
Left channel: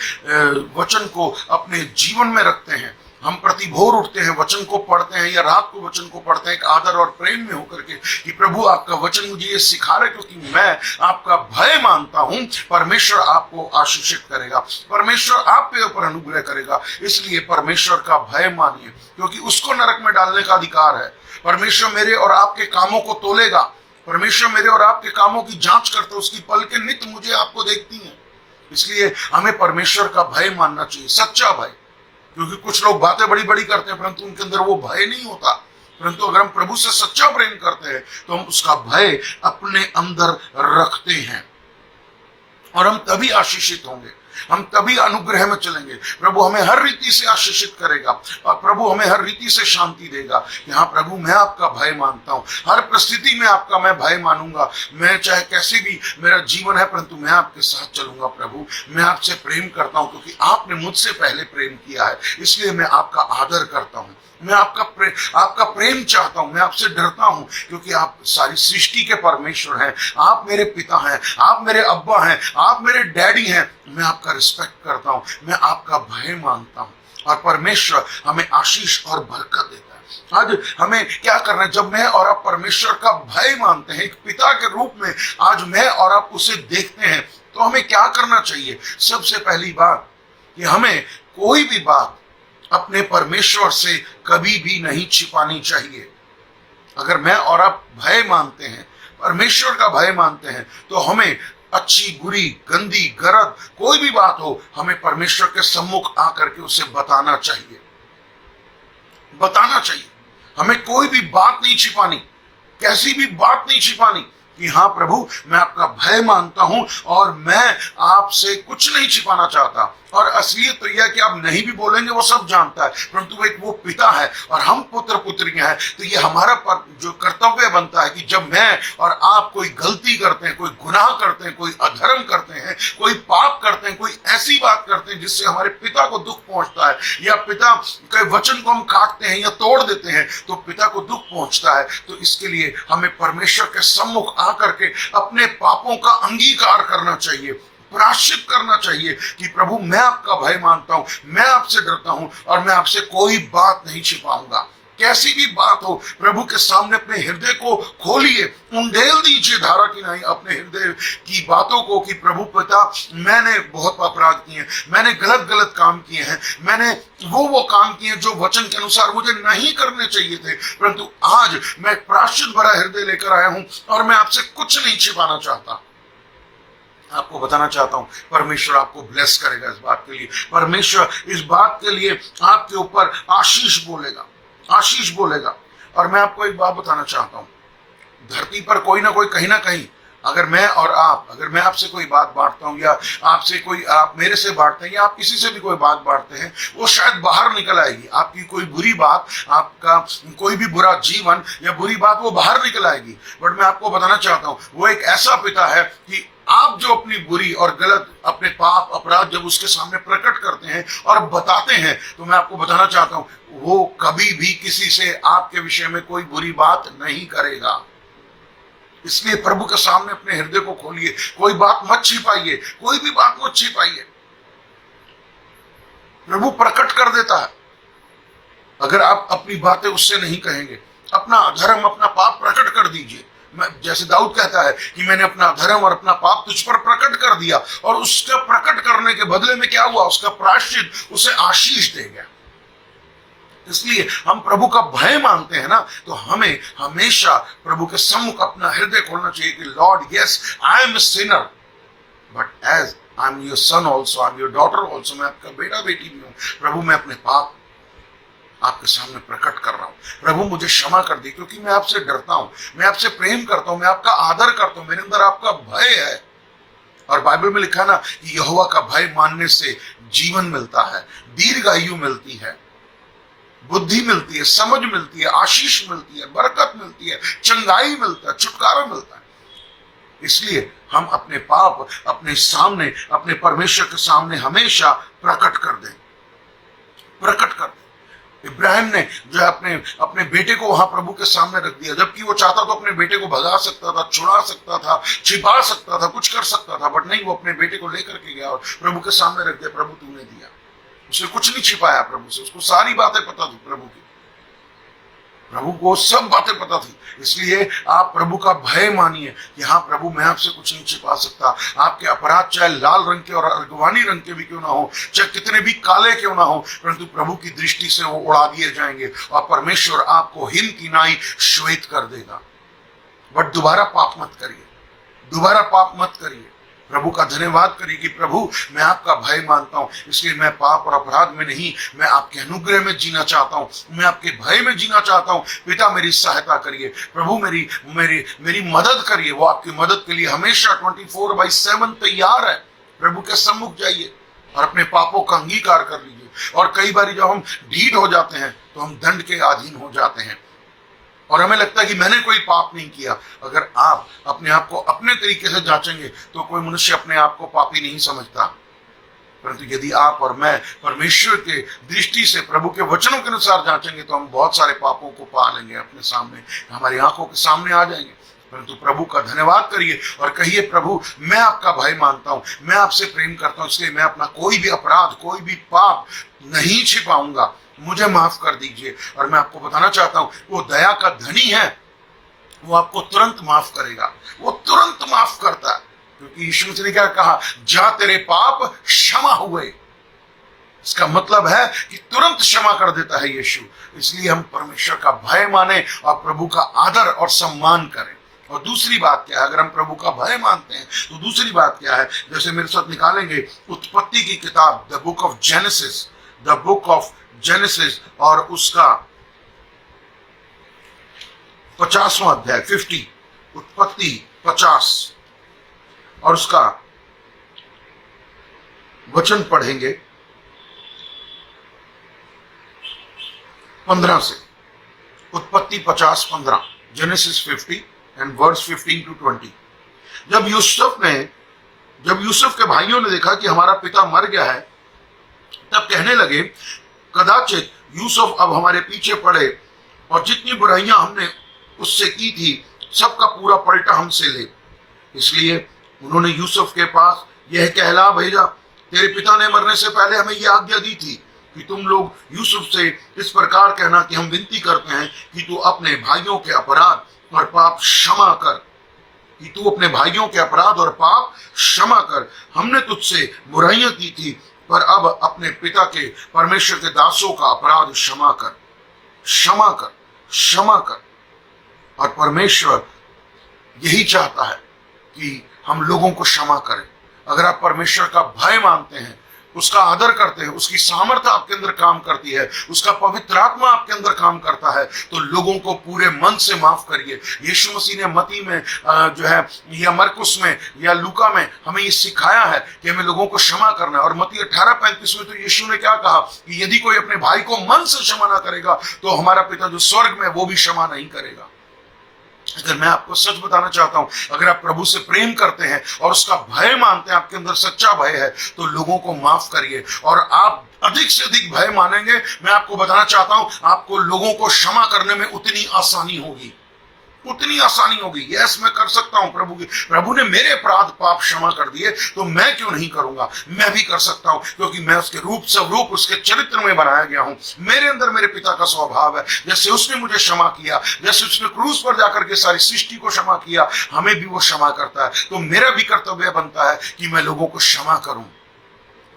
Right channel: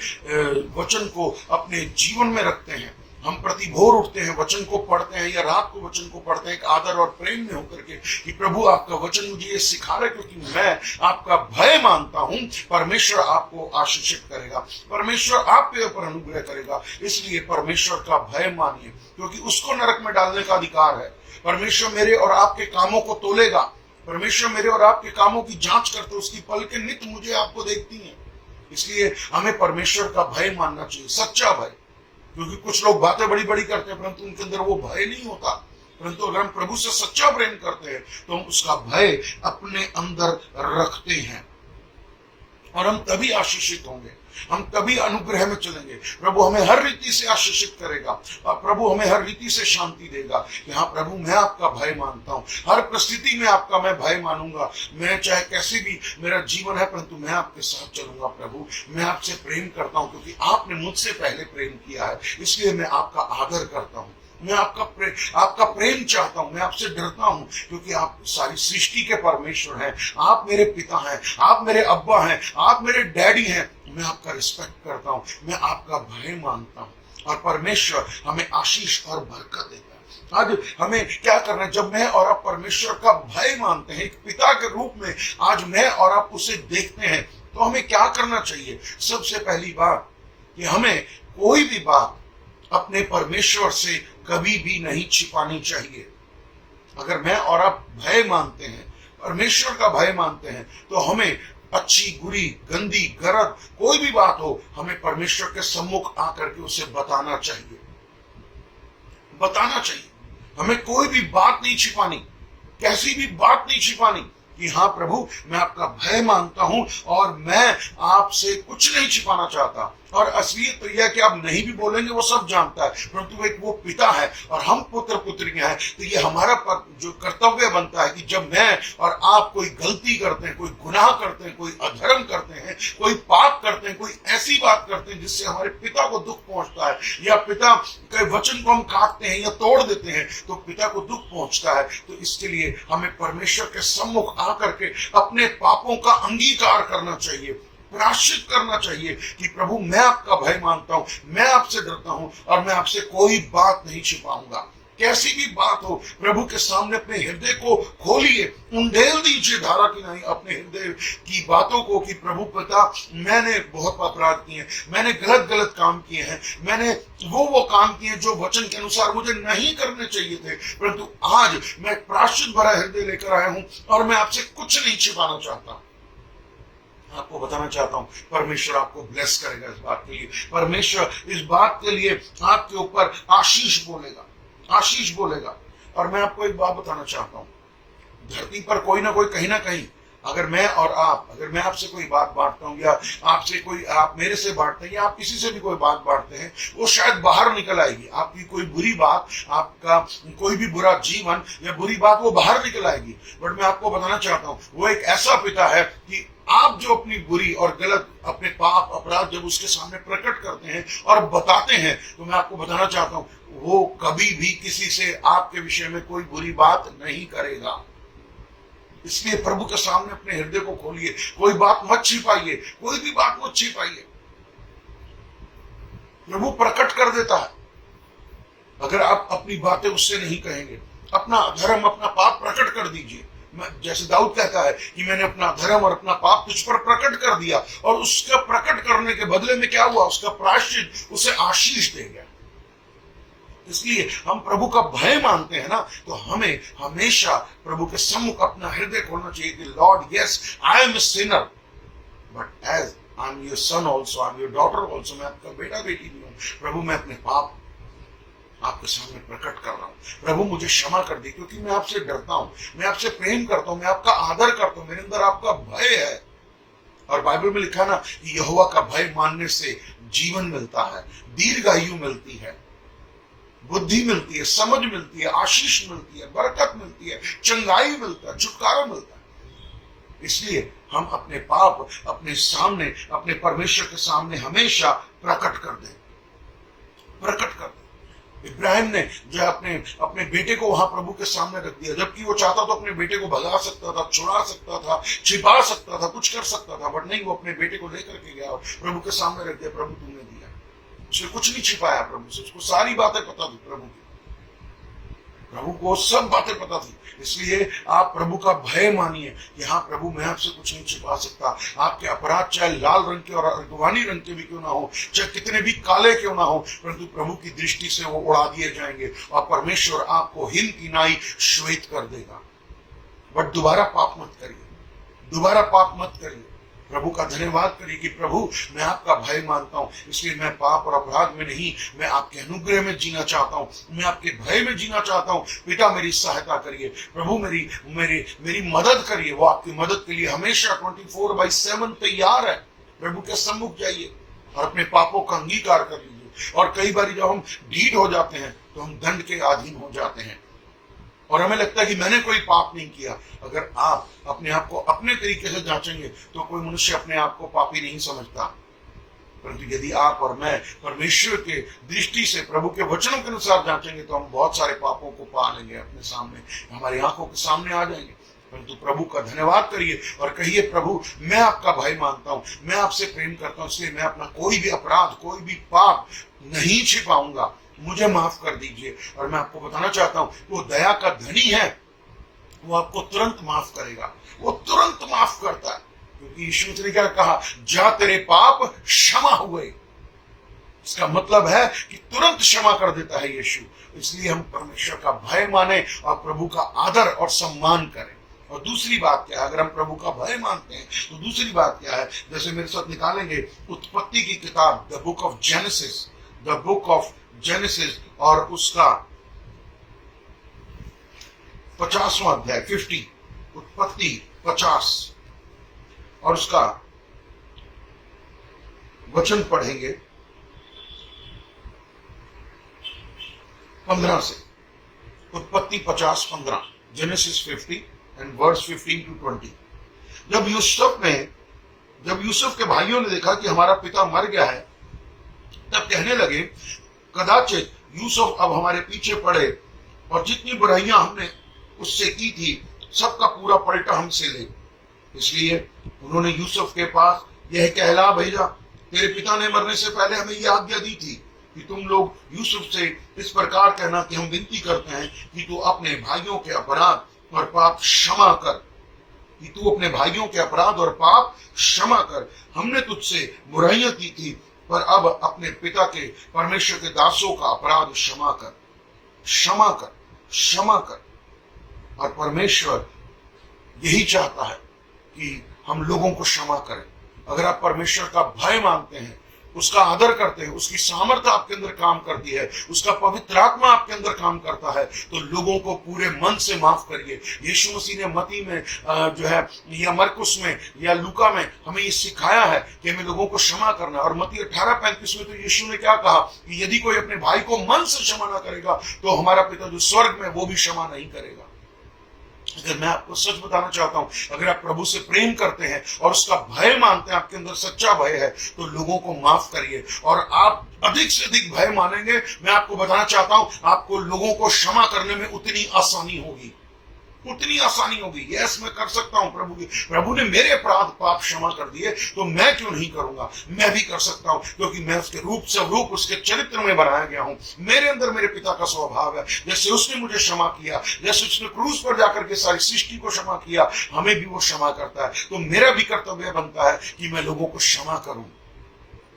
वचन को अपने जीवन में रखते हैं, हम प्रति भोर उठते हैं, वचन को पढ़ते हैं या रात को वचन को पढ़ते हैं एक आदर और प्रेम में होकर के कि प्रभु आपका वचन मुझे ये सिखा रहा है क्योंकि मैं आपका भय मानता हूं, परमेश्वर आपको आशीषित करेगा, परमेश्वर आपके ऊपर अनुग्रह करेगा। इसलिए परमेश्वर का भय मानिए क्योंकि उसको नरक में डालने का अधिकार है। परमेश्वर मेरे और आपके कामों को तोलेगा, परमेश्वर मेरे और आपके कामों की जांच करते, उसकी पलकें नित्य मुझे आपको देखती हैं। इसलिए हमें परमेश्वर का भय मानना चाहिए, सच्चा भय। क्योंकि कुछ लोग बातें बड़ी बड़ी करते हैं परंतु उनके अंदर वो भय नहीं होता। परंतु अगर हम प्रभु से सच्चा प्रेम करते हैं तो हम उसका भय अपने अंदर रखते हैं और हम तभी आशीषित होंगे, हम तभी अनुग्रह में चलेंगे। प्रभु हमें हर रीति से आशीषित करेगा और प्रभु हमें हर रीति से शांति देगा कि हाँ प्रभु मैं आपका भय मानता हूं, हर परिस्थिति में आपका मैं भय मानूंगा। मैं चाहे कैसे भी मेरा जीवन है परंतु मैं आपके साथ चलूंगा। प्रभु मैं आपसे प्रेम करता हूं क्योंकि आपने मुझसे पहले प्रेम किया है, इसलिए मैं आपका आदर करता हूं। मैं आपका प्रेम चाहता हूं, मैं आपसे डरता हूं क्योंकि आप सारी सृष्टि के परमेश्वर हैं, आप मेरे पिता हैं, आप मेरे अब्बा हैं, आप मेरे डैडी हैं। मैं आपका रिस्पेक्ट करता हूं, मैं आपका भय मानता हूं और परमेश्वर हमें आशीष और बरकत देता है। आज हमें क्या करना है? जब मैं और आप परमेश्वर का भय मानते हैं एक पिता के रूप में, आज मैं और आप उसे देखते हैं तो हमें क्या करना चाहिए? सबसे पहली बात कि हमें कोई भी बात अपने परमेश्वर से कभी भी नहीं छिपानी चाहिए। अगर मैं और आप भय मानते हैं, परमेश्वर का भय मानते हैं, तो हमें अच्छी बुरी गंदी गलत कोई भी बात हो हमें परमेश्वर के सम्मुख आकर के उसे बताना चाहिए, बताना चाहिए। हमें कोई भी बात नहीं छिपानी, कैसी भी बात नहीं छिपानी कि हाँ प्रभु मैं आपका भय मानता हूं और मैं आपसे कुछ नहीं छिपाना चाहता। और असलियत तो यह कि आप नहीं भी बोलेंगे वो सब जानता है, परंतु एक वो पिता है और हम पुत्र पुत्रियां हैं। तो ये हमारा जो कर्तव्य बनता है कि जब मैं और आप कोई गलती करते हैं, कोई गुनाह करते हैं, कोई अधर्म करते हैं, कोई पाप करते हैं, कोई ऐसी बात करते हैं जिससे हमारे पिता को दुख पहुंचता है या पिता के वचन को हम काटते हैं या तोड़ देते हैं तो पिता को दुख पहुंचता है, तो इसके लिए हमें परमेश्वर के सम्मुख आकर के अपने पापों का अंगीकार करना चाहिए, प्रायश्चित करना चाहिए कि प्रभु मैं आपका भय मानता हूं, मैं आपसे डरता हूं और मैं आपसे कोई बात नहीं छिपाऊंगा। कैसी भी बात हो प्रभु के सामने अपने हृदय को खोलिए, उंडेल दीजिए धारा की नहीं अपने हृदय की बातों को कि प्रभु पिता मैंने बहुत अपराध किए हैं, मैंने गलत गलत काम किए हैं, मैंने वो काम किए जो वचन के अनुसार मुझे नहीं करने चाहिए थे, परंतु आज मैं प्रायश्चित भरा हृदय लेकर आया हूं और मैं आपसे कुछ नहीं छिपाना चाहता। आपको बताना चाहता हूं परमेश्वर आपको ब्लेस करेगा इस बात के लिए, परमेश्वर इस बात के लिए आपके ऊपर आशीष बोलेगा, आशीष बोलेगा। और मैं आपको एक बात बताना चाहता हूं, धरती पर कोई ना कोई कहीं ना कहीं अगर मैं और आप, अगर मैं आपसे कोई बात बांटता हूं या आपसे कोई आप मेरे से बांटते हैं या आप किसी से भी कोई बात बांटते हैं, वो शायद बाहर निकल आएगी। आपकी कोई बुरी बात, आपका कोई भी बुरा जीवन या बुरी बात वो बाहर निकल आएगी। बट मैं आपको बताना चाहता हूं वो एक ऐसा पिता है कि आप जो अपनी बुरी और गलत अपने पाप अपराध जब उसके सामने प्रकट करते हैं और बताते हैं, तो मैं आपको बताना चाहता हूं वो कभी भी किसी से आपके विषय में कोई बुरी बात नहीं करेगा। इसलिए प्रभु के सामने अपने हृदय को खोलिए, कोई बात मत छिपाइए, कोई भी बात मत छिपाइए। प्रभु प्रकट कर देता है अगर आप अपनी बातें उससे नहीं कहेंगे। अपना धर्म अपना पाप प्रकट कर दीजिए। जैसे दाऊद कहता है कि मैंने अपना धर्म और अपना पाप तुझ पर प्रकट कर दिया, और उसका प्रकट करने के बदले में क्या हुआ? उसका प्रायश्चित उसे आशीष दे गया। इसलिए हम प्रभु का भय मानते हैं ना, तो हमें हमेशा प्रभु के सम्मुख अपना हृदय खोलना चाहिए कि Lord yes I am a sinner but as I am your son also, I am your daughter also. मैं आपका बेटा बेटी भी हूं प्रभु, मैं अपने पाप आपके सामने प्रकट कर रहा हूं। प्रभु मुझे क्षमा कर दी क्योंकि मैं आपसे डरता हूं, मैं आपसे प्रेम करता हूं, मैं आपका आदर करता हूं, मेरे अंदर आपका भय है। और बाइबल में लिखा ना कि यहोवा का भय मानने से जीवन मिलता है, दीर्घायु मिलती है, बुद्धि मिलती है, समझ मिलती है, आशीष मिलती है, बरकत मिलती है, चंगाई मिलता है, छुटकारा मिलता है। इसलिए हम अपने पाप अपने सामने, अपने परमेश्वर के सामने हमेशा प्रकट कर दें, प्रकट कर दें। इब्राहिम ने जो है अपने अपने बेटे को वहां प्रभु के सामने रख दिया, जबकि वो चाहता तो अपने बेटे को भगा सकता था, छुड़ा सकता था, छिपा सकता था, कुछ कर सकता था, बट नहीं, वो अपने बेटे को लेकर के गया और प्रभु के सामने रख दिया। प्रभु तूने दिया, उसने कुछ नहीं छिपाया प्रभु से, उसको सारी बातें पता थी प्रभु की, प्रभु को सब बातें पता थी। इसलिए आप प्रभु का भय मानिए कि हाँ प्रभु, मैं आपसे कुछ नहीं छिपा सकता। आपके अपराध चाहे लाल रंग के और अर्गवानी रंग के भी क्यों ना हो, चाहे कितने भी काले क्यों ना हो, परंतु प्रभु की दृष्टि से वो उड़ा दिए जाएंगे और परमेश्वर आपको हिम की नाई श्वेत कर देगा। बट दोबारा पाप मत करिए, दोबारा पाप मत करिए। प्रभु का धन्यवाद करिए कि प्रभु, मैं आपका भय मानता हूं, इसलिए मैं पाप और अपराध में नहीं, मैं आपके अनुग्रह में जीना चाहता हूं, मैं आपके भय में जीना चाहता हूं। पिता मेरी सहायता करिए, प्रभु मेरी मेरी मेरी मदद करिए। वो आपकी मदद के लिए हमेशा 24/7 तैयार है। प्रभु के सम्मुख जाइए और अपने पापों का अंगीकार कर लीजिए। और कई बार जब हम ढीठ हो जाते हैं तो हम दंड के अधीन हो जाते हैं और हमें लगता है कि मैंने कोई पाप नहीं किया। अगर आप अपने आप को अपने तरीके से जांचेंगे तो कोई मनुष्य अपने आप को पापी नहीं समझता, परंतु यदि आप और मैं परमेश्वर के दृष्टि से प्रभु के वचनों के अनुसार जांचेंगे तो हम बहुत सारे पापों को पा लेंगे, अपने सामने, हमारी आंखों के सामने आ जाएंगे। परंतु प्रभु का धन्यवाद करिए और कहिए, प्रभु मैं आपका भय मानता हूं, मैं आपसे प्रेम करता हूं, इसलिए मैं अपना कोई भी अपराध, कोई भी पाप नहीं छिपाऊंगा, मुझे माफ कर दीजिए। और मैं आपको बताना चाहता हूं, वो दया का धनी है, वो आपको तुरंत माफ करेगा, वो तुरंत माफ करता है, क्योंकि यीशु मसीह ने क्या कहा, जा तेरे पाप क्षमा हुए। इसका मतलब है कि तुरंत क्षमा कर देता है यीशु। इसलिए हम परमेश्वर का भय माने और प्रभु का आदर और सम्मान करें। और दूसरी बात क्या है, अगर हम प्रभु का भय मानते हैं तो दूसरी बात क्या है, जैसे मेरे साथ निकालेंगे उत्पत्ति की किताब, the book of genesis, the book of genesis और उसका 50वां अध्याय 50, उत्पत्ति 50 और उसका वचन पढ़ेंगे 15 से। उत्पत्ति 50:15, जेनेसिस 50 एंड वर्स 15 to 20। जब यूसुफ के भाइयों ने देखा कि हमारा पिता मर गया है, तब कहने लगे, कदाचित यूसुफ अब हमारे पीछे पड़े और जितनी बुराइयां हमने उससे की थी सबका पूरा पलटा हमसे ले। इसलिए उन्होंने यूसुफ के पास यह कहला भेजा, तेरे पिता ने मरने से पहले हमें यह आज्ञा दी थी कि तुम लोग यूसुफ से इस प्रकार कहना कि हम विनती करते हैं कि तू अपने भाइयों के अपराध और पाप क्षमा कर, कि तू अपने भाइयों के अपराध और पाप क्षमा कर। हमने तुझसे बुराइयां की थी, पर अब अपने पिता के परमेश्वर के दासों का अपराध क्षमा कर, क्षमा कर, क्षमा कर। और परमेश्वर यही चाहता है कि हम लोगों को क्षमा करें। अगर आप परमेश्वर का भय मानते हैं, उसका आदर करते हैं, उसकी सामर्थ्य आपके अंदर काम करती है, उसका पवित्र आत्मा आपके अंदर काम करता है, तो लोगों को पूरे मन से माफ करिए। यीशु मसीह ने मती में जो है या मरकुस में या लूका में हमें ये सिखाया है कि हमें लोगों को क्षमा करना है। और मती 18:35 में तो यीशु ने क्या कहा कि यदि कोई अपने भाई को मन से क्षमा ना करेगा तो हमारा पिता जो स्वर्ग में वो भी क्षमा नहीं करेगा। अगर मैं आपको सच बताना चाहता हूं, अगर आप प्रभु से प्रेम करते हैं और उसका भय मानते हैं, आपके अंदर सच्चा भय है, तो लोगों को माफ करिए। और आप अधिक से अधिक भय मानेंगे, मैं आपको बताना चाहता हूं, आपको लोगों को क्षमा करने में उतनी आसानी होगी, उतनी आसानी होगी। यस, मैं कर सकता हूं, प्रभु ने मेरे अपराध पाप क्षमा कर दिए, तो मैं क्यों नहीं करूंगा? मैं भी कर सकता हूं, क्योंकि मैं उसके रूप स्वरूप, उसके चरित्र में बनाया गया हूं। मेरे अंदर मेरे पिता का स्वभाव है। जैसे उसने मुझे क्षमा किया, जैसे उसने क्रूस पर जाकर के सारी सृष्टि को क्षमा किया, हमें भी वो क्षमा करता है। तो मेरा भी कर्तव्य बनता है कि मैं लोगों को क्षमा करूं।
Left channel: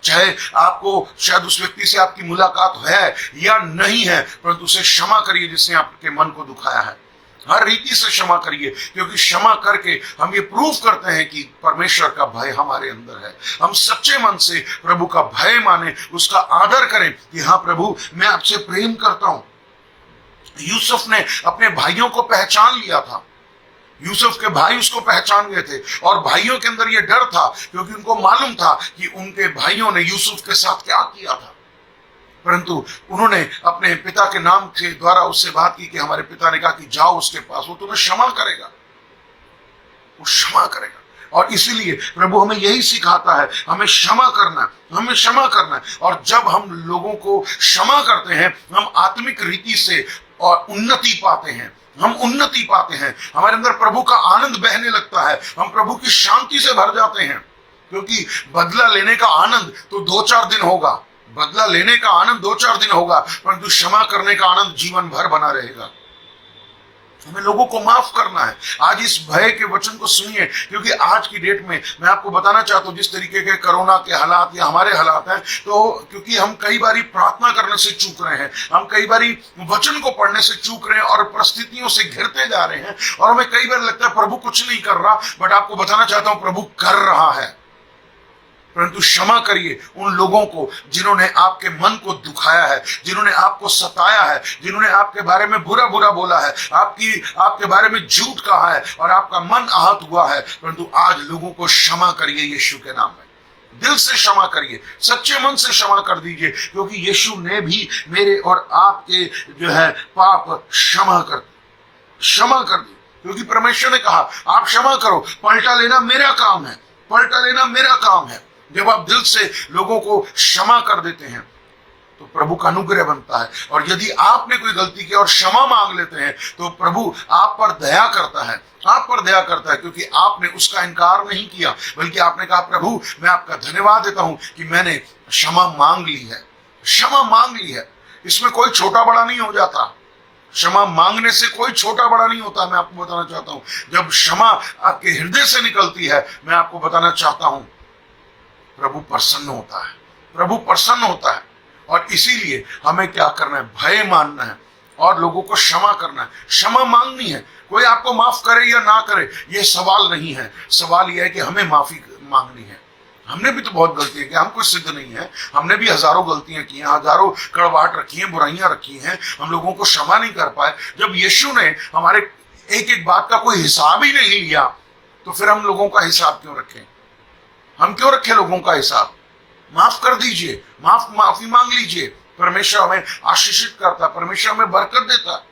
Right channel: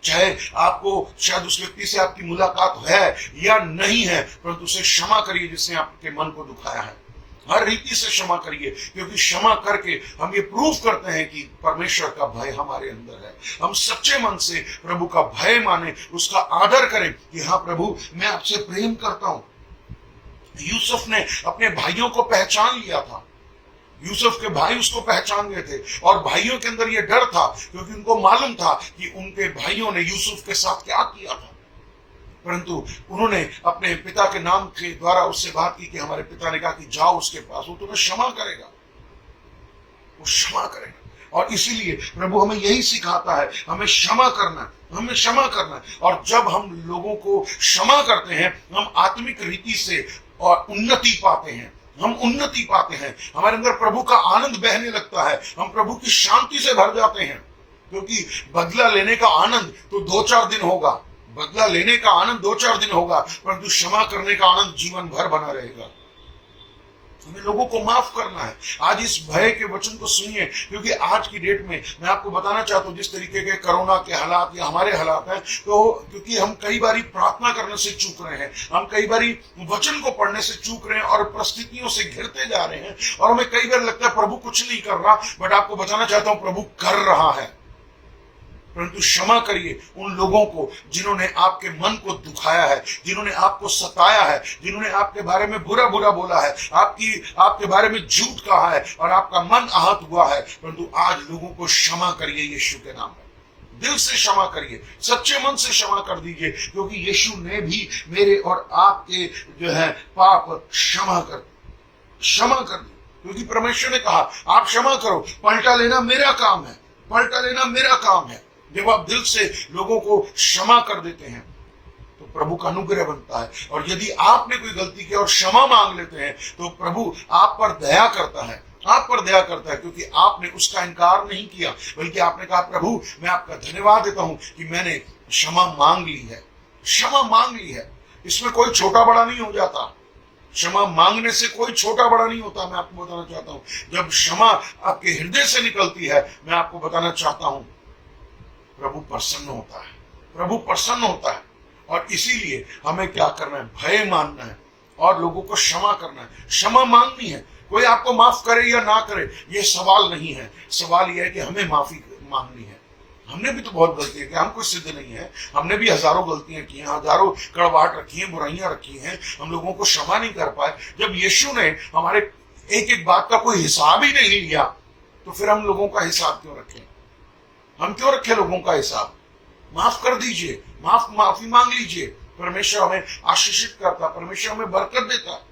चाहे आपको शायद उस व्यक्ति से आपकी मुलाकात है या नहीं है, परंतु उसे क्षमा करिए जिसने आपके मन को दुखाया है। हर रीति से क्षमा करिए, क्योंकि क्षमा करके हम ये प्रूव करते हैं कि परमेश्वर का भय हमारे अंदर है। हम सच्चे मन से प्रभु का भय माने, उसका आदर करें कि हाँ प्रभु, मैं आपसे प्रेम करता हूं। यूसुफ ने अपने भाइयों को पहचान लिया था, यूसुफ के भाई उसको पहचान गए थे, और भाइयों के अंदर यह डर था क्योंकि उनको मालूम था कि उनके भाइयों ने यूसुफ के साथ क्या किया था। परंतु उन्होंने अपने पिता के नाम के द्वारा उससे बात की कि हमारे पिता ने कहा कि जाओ उसके पास, वो तुम्हें क्षमा करेगा। वो क्षमा करेगा। और इसीलिए प्रभु हमें यही सिखाता है, हमें क्षमा करना है, हमें क्षमा करना है। और जब हम लोगों को क्षमा करते हैं, हम आत्मिक रीति से और उन्नति पाते हैं, हम उन्नति पाते हैं, हमारे अंदर प्रभु का आनंद बहने लगता है, हम प्रभु की शांति से भर जाते हैं। क्योंकि बदला लेने का आनंद तो 2-4 दिन होगा, बदला लेने का आनंद 2-4 दिन होगा, परंतु क्षमा करने का आनंद जीवन भर बना रहेगा। हमें लोगों को माफ करना है। आज इस भय के वचन को सुनिए, क्योंकि आज की डेट में मैं आपको बताना चाहता हूं, जिस तरीके के कोरोना के हालात या हमारे हालात हैं, तो क्योंकि हम कई बारी प्रार्थना करने से चूक रहे हैं, हम कई बारी वचन को पढ़ने से चूक रहे हैं और परिस्थितियों से घिरते जा रहे हैं, और हमें कई बार लगता है प्रभु कुछ नहीं कर रहा। बट आपको बताना चाहता हूं, प्रभु कर रहा है। परंतु क्षमा करिए उन लोगों को जिन्होंने आपके मन को दुखाया है, जिन्होंने आपको सताया है, जिन्होंने आपके बारे में बुरा बुरा बोला है, आपके बारे में झूठ कहा है और आपका मन आहत हुआ है। परंतु आज लोगों को क्षमा करिए यीशु के नाम में, दिल से क्षमा करिए, सच्चे मन से क्षमा कर दीजिए, क्योंकि यीशु ने भी मेरे और आपके जो है पाप क्षमा कर दिए। क्योंकि परमेश्वर ने कहा आप क्षमा करो, पलटा लेना मेरा काम है, पलटा लेना मेरा काम है। जब आप दिल से लोगों को क्षमा कर देते हैं तो प्रभु का अनुग्रह बनता है। और यदि आपने कोई गलती की और क्षमा मांग लेते हैं तो प्रभु आप पर दया करता है, आप पर दया करता है, क्योंकि आपने उसका इनकार नहीं किया, बल्कि आपने कहा प्रभु मैं आपका धन्यवाद देता हूं कि मैंने क्षमा मांग ली है, क्षमा मांग ली है। इसमें कोई छोटा बड़ा नहीं हो जाता, क्षमा मांगने से कोई छोटा बड़ा नहीं होता। मैं आपको बताना चाहता हूं, जब क्षमा आपके हृदय से निकलती है, मैं आपको बताना चाहता हूं प्रभु प्रसन्न होता है, प्रभु प्रसन्न होता है। और इसीलिए हमें क्या करना है, भय मानना है और लोगों को क्षमा करना है, क्षमा मांगनी है। कोई आपको माफ करे या ना करे ये सवाल नहीं है, सवाल यह है कि हमें माफी मांगनी है। हमने भी तो बहुत गलतियां की, हम कोई सिद्ध नहीं है, हमने भी हजारों गलतियां की हैं, हजारों कड़वाहट रखी हैं, बुराइयां रखी हैं, हम लोगों को क्षमा नहीं कर पाए। जब यीशु ने हमारे एक एक बात का कोई हिसाब ही नहीं लिया, तो फिर हम लोगों का हिसाब क्यों रखें? हम क्यों रखें लोगों का हिसाब? माफ कर दीजिए, माफी मांग लीजिए। परमेश्वर हमें आशीषित करता, परमेश्वर हमें बरकत देता।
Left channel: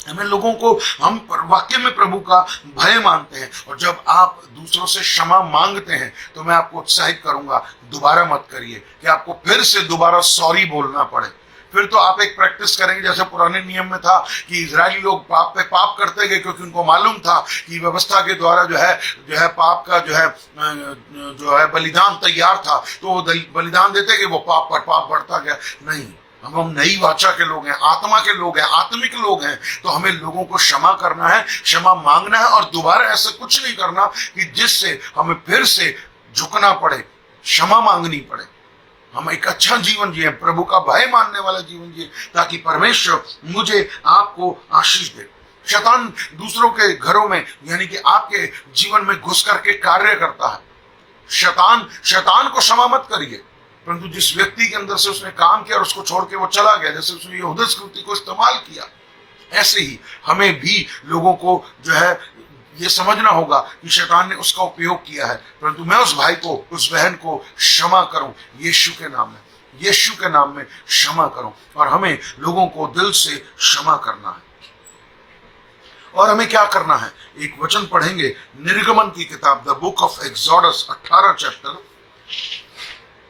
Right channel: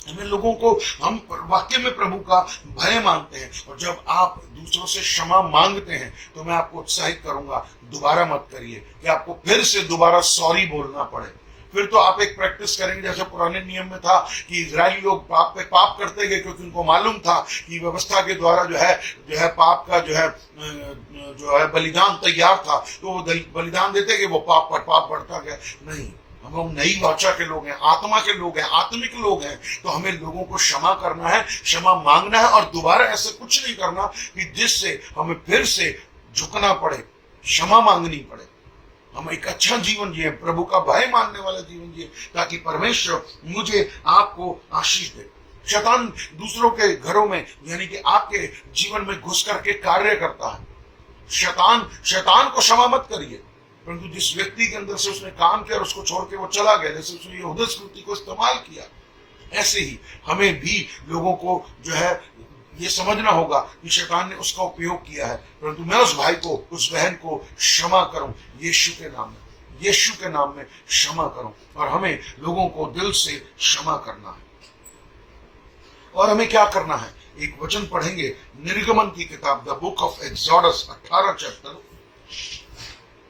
हमें लोगों को, हम वाक्य में प्रभु का भय मानते हैं। और जब आप दूसरों से क्षमा मांगते हैं तो मैं आपको उत्साहित करूंगा, दोबारा मत करिए कि आपको फिर से दोबारा सॉरी बोलना पड़े। फिर तो आप एक प्रैक्टिस करेंगे, जैसे पुराने नियम में था कि इजरायली लोग पाप पे पाप करते गए, क्योंकि उनको मालूम था कि व्यवस्था के द्वारा जो है पाप का जो है बलिदान तैयार था, तो वो बलिदान देते गए, वो पाप पर पाप बढ़ता गया। नहीं, हम नई वाचा के लोग हैं, आत्मा के लोग हैं, आत्मिक लोग हैं, तो हमें लोगों को क्षमा करना है, क्षमा मांगना है, और दोबारा ऐसा कुछ नहीं करना कि जिससे हमें फिर से झुकना पड़े, क्षमा मांगनी पड़े। हम एक अच्छा जीवन जिए, प्रभु का भय मानने वाला जीवन जिए, ताकि परमेश्वर मुझे आपको आशीष दे। शैतान दूसरों के घरों में, यानी कि आपके जीवन में घुस करके कार्य करता है। शैतान को क्षमा मत करिए, परंतु जिस व्यक्ति के अंदर से उसने काम किया और उसको छोड़ के वो चला गया, जैसे उसने यहूदा स्कृति को इस्तेमाल किया, ऐसे ही हमें भी लोगों को जो है ये समझना होगा कि शैतान ने उसका उपयोग किया है, परंतु मैं उस भाई को, उस बहन को क्षमा करूं यीशु के नाम में, यीशु के नाम में क्षमा करूं। और हमें लोगों को दिल से क्षमा करना है। और हमें क्या करना है, एक वचन पढ़ेंगे, निर्गमन की किताब, the book of exodus 18 chapter,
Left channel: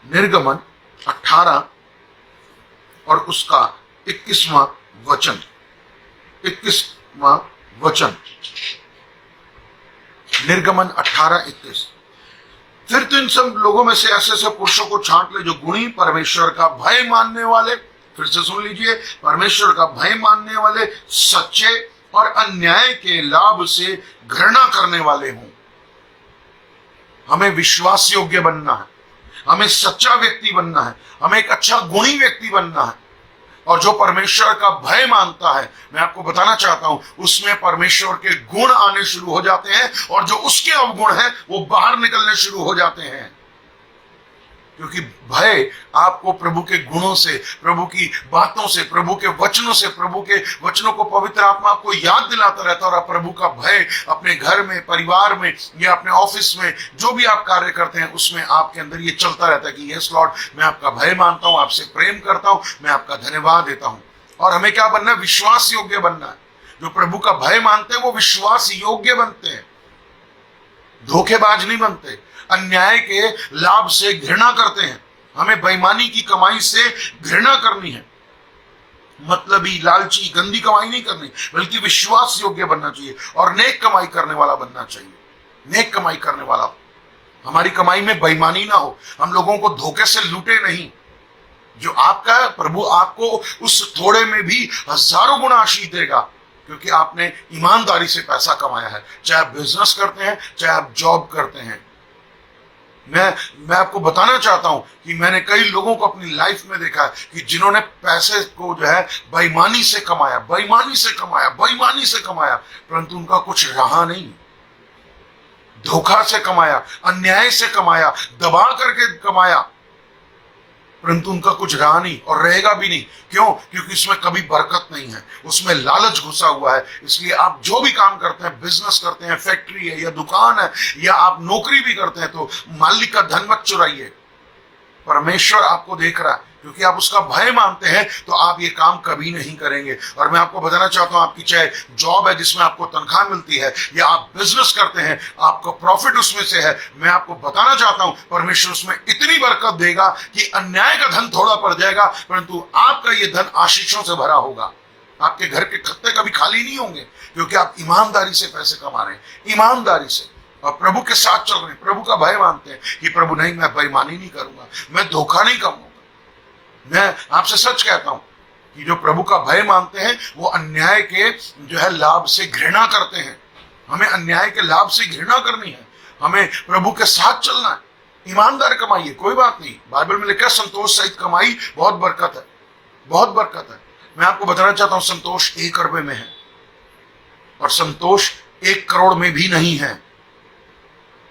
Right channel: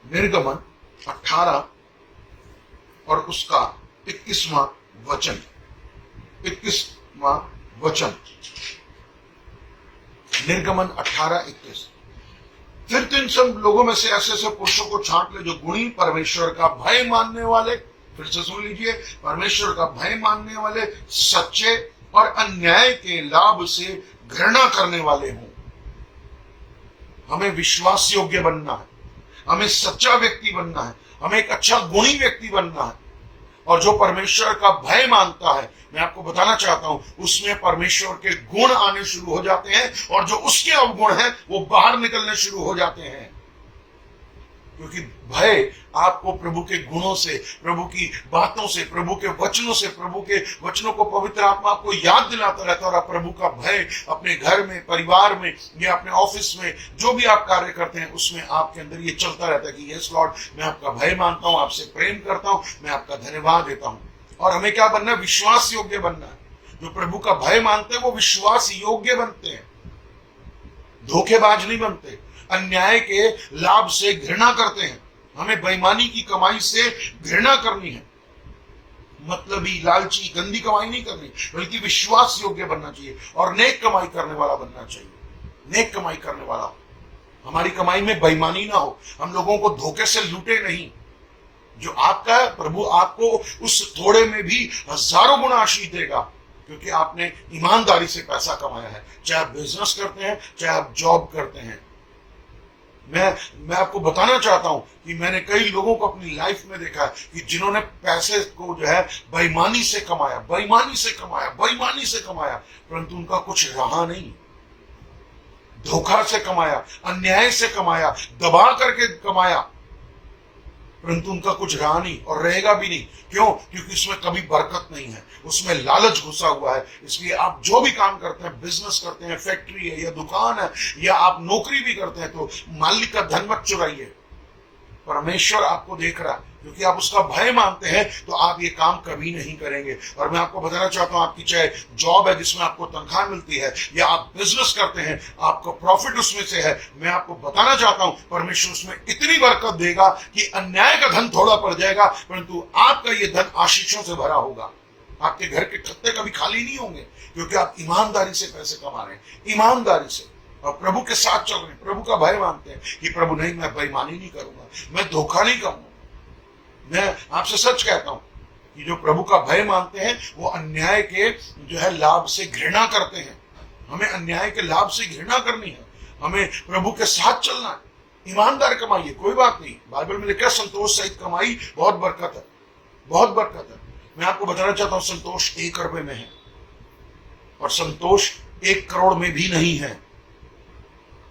निर्गमन 18 और उसका 21वां वचन, 21वां वचन, निर्गमन 18:21। फिर तो इन सब लोगों में से ऐसे ऐसे पुरुषों को छांट ले जो गुणी, परमेश्वर का भय मानने वाले, फिर से सुन लीजिए, परमेश्वर का भय मानने वाले, सच्चे और अन्याय के लाभ से घृणा करने वाले हों। हमें विश्वास योग्य बनना है, हमें सच्चा व्यक्ति बनना है, हमें एक अच्छा गुणी व्यक्ति बनना है। और जो परमेश्वर का भय मानता है, मैं आपको बताना चाहता हूं, उसमें परमेश्वर के गुण आने शुरू हो जाते हैं, और जो उसके अवगुण हैं वो बाहर निकलने शुरू हो जाते हैं। क्योंकि भय आपको प्रभु के गुणों से, प्रभु की बातों से, प्रभु के वचनों से, प्रभु के वचनों को पवित्र आत्मा आपको याद दिलाता रहता है। और आप प्रभु का भय अपने घर में, परिवार में या अपने ऑफिस में, जो भी आप कार्य करते हैं, उसमें आपके अंदर ये चलता रहता है कि यस लॉर्ड, मैं आपका भय मानता हूं, आपसे प्रेम करता हूं, मैं आपका धन्यवाद देता हूं। और हमें क्या बनना है, विश्वास योग्य बनना है। जो प्रभु का भय मानते हैं वो विश्वास योग्य बनते हैं। धोखेबाज नहीं बनते, अन्याय के लाभ से घृणा करते हैं। हमें बेईमानी की कमाई से घृणा करनी है, मतलबी, लालची, गंदी कमाई नहीं करनी, बल्कि विश्वास योग्य बनना चाहिए और नेक कमाई करने वाला बनना चाहिए। नेक कमाई करने वाला, हमारी कमाई में बेईमानी ना हो, हम लोगों को धोखे से लूटे नहीं। जो आपका है, प्रभु आपको उस थोड़े में भी हजारों गुना आशीष देगा, क्योंकि आपने ईमानदारी से पैसा कमाया है। चाहे आप बिजनेस करते हैं, चाहे आप जॉब करते हैं। मैं आपको बताना चाहता हूं कि मैंने कई लोगों को अपनी लाइफ में देखा है कि जिन्होंने पैसे को जो है बेईमानी से कमाया, बेईमानी से कमाया, बेईमानी से कमाया, परंतु उनका कुछ रहा नहीं। धोखा से कमाया, अन्याय से कमाया, दबा करके कमाया, परंतु उनका कुछ रहा नहीं और रहेगा भी नहीं। क्यों? क्योंकि उसमें कभी बरकत नहीं है, उसमें लालच घुसा हुआ है। इसलिए आप जो भी काम करते हैं, बिजनेस करते हैं, फैक्ट्री है या दुकान है या आप नौकरी भी करते हैं, तो मालिक का धन मत चुराइए। परमेश्वर आपको देख रहा है, क्योंकि आप उसका भय मानते हैं तो आप ये काम कभी नहीं करेंगे। और मैं आपको बताना चाहता हूं, आपकी चाहे जॉब है जिसमें आपको तनख्वाह मिलती है या आप बिजनेस करते हैं, आपको प्रॉफिट उसमें से है, मैं आपको बताना चाहता हूं परमेश्वर उसमें इतनी बरकत देगा कि अन्याय का धन थोड़ा पड़ जाएगा, परंतु आपका ये धन आशीषों से भरा होगा। आपके घर के खत्ते कभी खाली नहीं होंगे, क्योंकि आप ईमानदारी से पैसे कमा रहे हैं, ईमानदारी से, और प्रभु के साथ चल रहे हैं, प्रभु का भय मानते हैं कि प्रभु नहीं, मैं बेईमानी नहीं करूंगा, मैं धोखा नहीं करूंगा। मैं आपसे सच कहता हूं कि जो प्रभु का भय मानते हैं वो अन्याय के जो है लाभ से घृणा करते हैं। हमें अन्याय के लाभ से घृणा करनी है, हमें प्रभु के साथ चलना है। ईमानदार कमाइए, कोई बात नहीं, बाइबल में लिखा है संतोष सहित कमाई बहुत बरकत है, बहुत बरकत है। मैं आपको बताना चाहता हूं संतोष 1 रुपए में है और संतोष 1 करोड़ में भी नहीं है,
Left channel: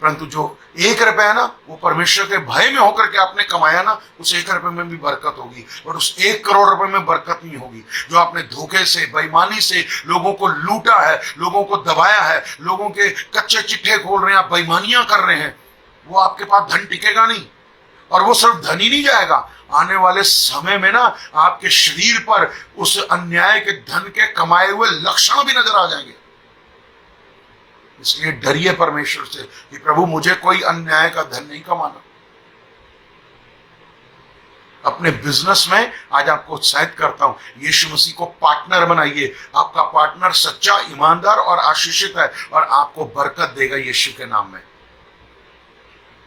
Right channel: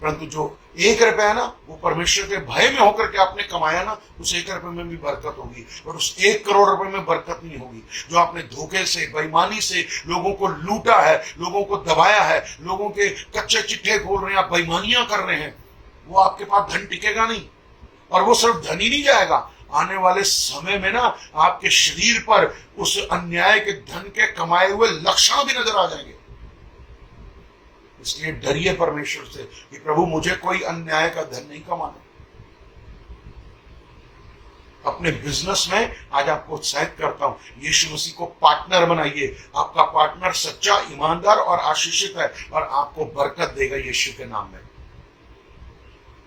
परंतु जो 1 रुपया है ना, वो परमेश्वर के भय में होकर के आपने कमाया ना, उस 1 रुपए में भी बरकत होगी, और उस 1 करोड़ रुपए में बरकत नहीं होगी। जो आपने धोखे से, बेईमानी से लोगों को लूटा है, लोगों को दबाया है, लोगों के कच्चे चिट्ठे खोल रहे हैं, आप बेईमानियां कर रहे हैं, वो आपके पास धन टिकेगा नहीं। और वो सिर्फ धन ही नहीं जाएगा, आने वाले समय में ना आपके शरीर पर उस अन्याय के धन के कमाए हुए लक्षण भी नजर आ जाएंगे। इसलिए डरिए परमेश्वर से कि प्रभु मुझे कोई अन्याय का धन नहीं कमाना। अपने बिजनेस में आज आपको उत्साहित करता हूं, यीशु मसीह को पार्टनर बनाइए। आपका पार्टनर सच्चा, ईमानदार और आशीषित है और आपको बरकत देगा यीशु के नाम में।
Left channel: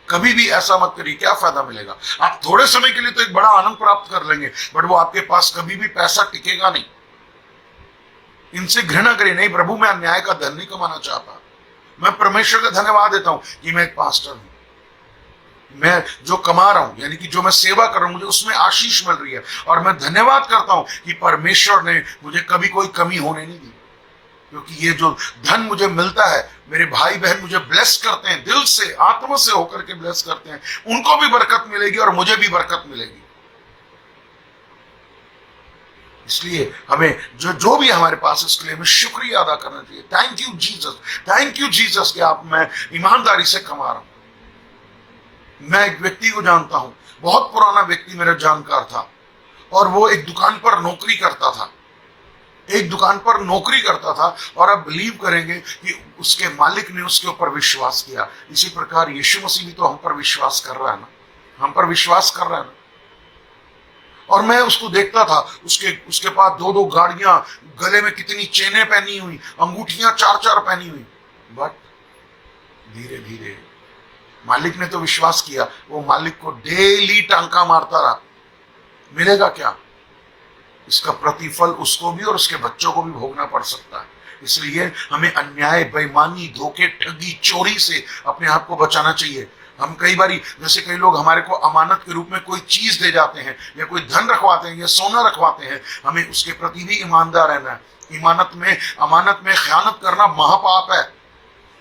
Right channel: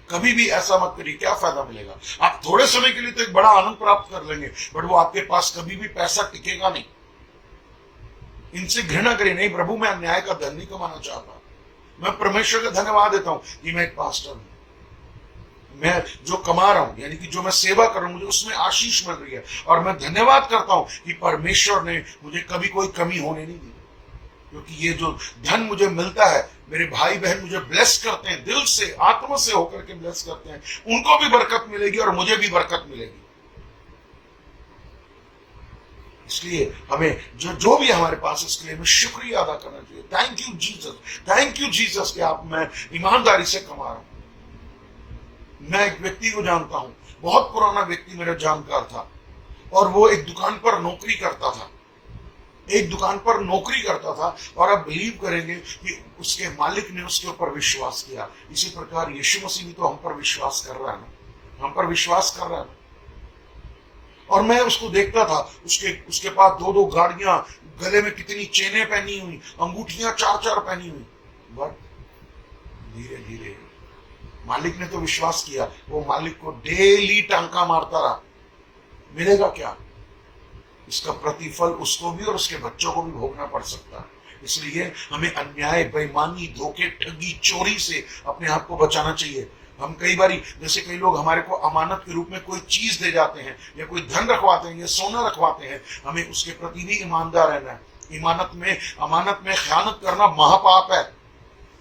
कभी भी ऐसा मत करिए, क्या फायदा मिलेगा? आप थोड़े समय के लिए तो एक बड़ा आनंद प्राप्त कर लेंगे, बट वो आपके पास कभी भी पैसा टिकेगा नहीं। इनसे घृणा करिए, नहीं प्रभु मैं अन्याय का धन नहीं कमाना चाहता। मैं परमेश्वर का धन्यवाद देता हूं कि मैं एक पास्टर हूं, मैं जो कमा रहा हूं, यानी कि जो मैं सेवा कर रहा हूं, मुझे उसमें आशीष मिल रही है, और मैं धन्यवाद करता हूं कि परमेश्वर ने मुझे कभी कोई कमी होने नहीं दी। क्योंकि ये जो धन मुझे मिलता है, मेरे भाई बहन मुझे ब्लेस करते हैं, दिल से, आत्मा से होकर के ब्लेस करते हैं, उनको भी बरकत मिलेगी और मुझे भी बरकत मिलेगी। इसलिए हमें जो भी हमारे पास है, इसके लिए हमें शुक्रिया अदा करना चाहिए। Thank you Jesus, thank you Jesus कि आप, मैं ईमानदारी से कमा रहा हूं। मैं एक व्यक्ति को जानता हूं, बहुत पुराना व्यक्ति मेरा जानकार था, और वो एक दुकान पर नौकरी करता था, एक दुकान पर नौकरी करता था, और आप बिलीव करेंगे कि उसके मालिक ने उसके ऊपर विश्वास किया। इसी प्रकार यीशु मसीह भी तो हम पर विश्वास कर रहा है ना, हम पर विश्वास कर रहा है ना। और मैं उसको देखता था, उसके पास 2-2 गाड़ियां, गले में कितनी चेनें पहनी हुई, अंगूठियां 4-4 पहनी हुई, बट धीरे धीरे मालिक ने तो विश्वास किया, वो मालिक को डेली टांका मारता रहा। मिलेगा क्या? इसका प्रतिफल उसको भी और उसके बच्चों को भी भोगना पड़ सकता है। इसलिए हमें अन्याय, बेईमानी, धोखे, ठगी, चोरी से अपने आप को बचाना चाहिए। हम कई बारी, जैसे कई लोग हमारे को अमानत के रूप में कोई चीज दे जाते हैं या कोई धन रखवाते हैं या सोना रखवाते हैं, हमें उसके प्रति भी ईमानदार रहना है। अमानत में खयानत करना महापाप है,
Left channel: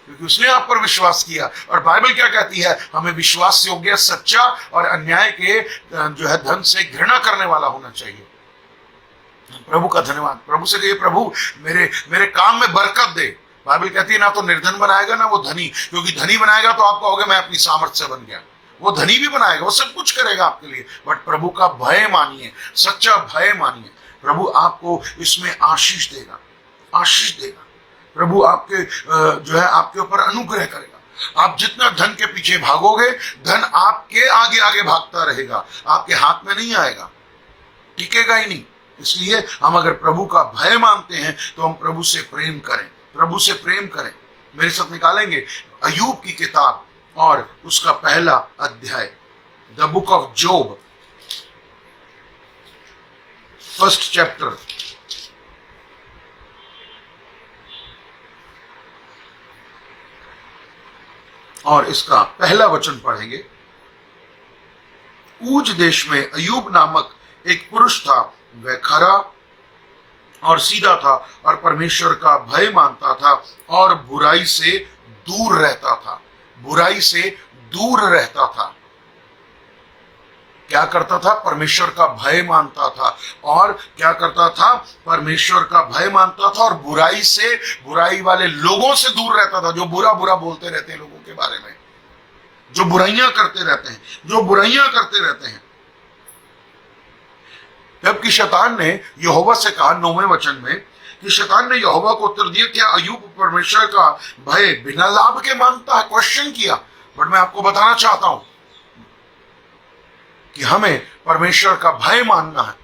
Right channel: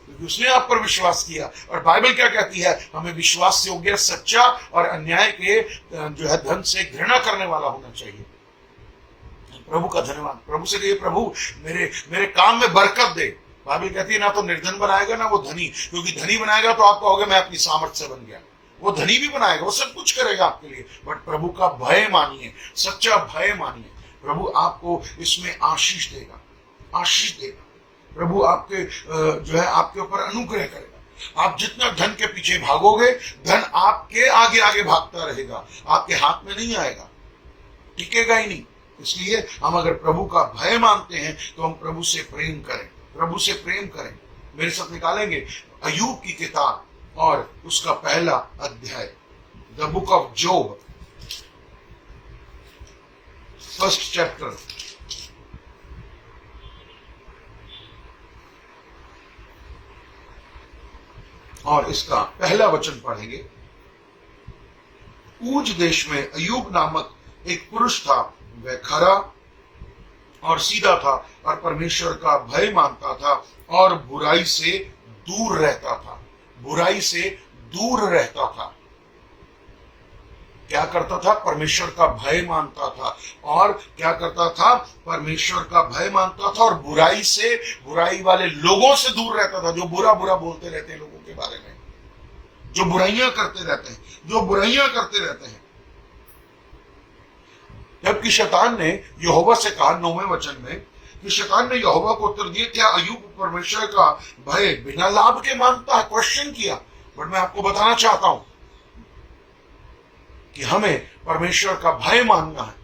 क्योंकि उसने आप पर विश्वास किया। और बाइबल क्या कहती है? हमें विश्वास योग्य, सच्चा और अन्याय के जो है धन से घृणा करने वाला होना चाहिए। प्रभु का धन्यवाद। प्रभु से कहिए, प्रभु मेरे काम में बरकत दे। बाइबल कहती है ना तो निर्धन बनाएगा ना वो धनी, क्योंकि धनी बनाएगा तो आप कहोगे मैं अपनी सामर्थ्य से बन गया। वो धनी भी बनाएगा, वो सब कुछ करेगा आपके लिए, बट प्रभु का भय मानिए, सच्चा भय मानिए। प्रभु आपको इसमें आशीष देगा, आशीष देगा। प्रभु आपके जो है आपके ऊपर अनुग्रह करेगा। आप जितना धन के पीछे भागोगे, धन आपके आगे आगे भागता रहेगा, आपके हाथ में नहीं आएगा, टिकेगा ही नहीं। इसलिए हम अगर प्रभु का भय मानते हैं तो हम प्रभु से प्रेम करें, प्रभु से प्रेम करें। मेरे साथ निकालेंगे अय्यूब की किताब और उसका पहला अध्याय, the book of job, first chapter. और इसका पहला वचन पढ़ेंगे। ऊज देश में अय्यूब नामक एक पुरुष था, वह खरा और सीधा था और परमेश्वर का भय मानता था और बुराई से दूर रहता था, बुराई से दूर रहता था। क्या करता था? परमेश्वर का भय मानता था। और क्या करता था? परमेश्वर का भय मानता था और बुराई से, बुराई वाले लोगों से दूर रहता था, जो बुरा बुरा बोलते रहते हैं लोगों के बारे में, जो बुराइयां करते रहते हैं, जो बुराइयां करते रहते हैं। जबकि शैतान ने यहोवा से कहा 9वें वचन में कि शैतान ने यहोवा को उत्तर दिया, क्या अय्यूब परमेश्वर का भय बिना लाभ के मानता है? क्वेश्चन किया। बट मैं आपको बताना चाहता हूं कि हमें परमेश्वर का भय मानना है,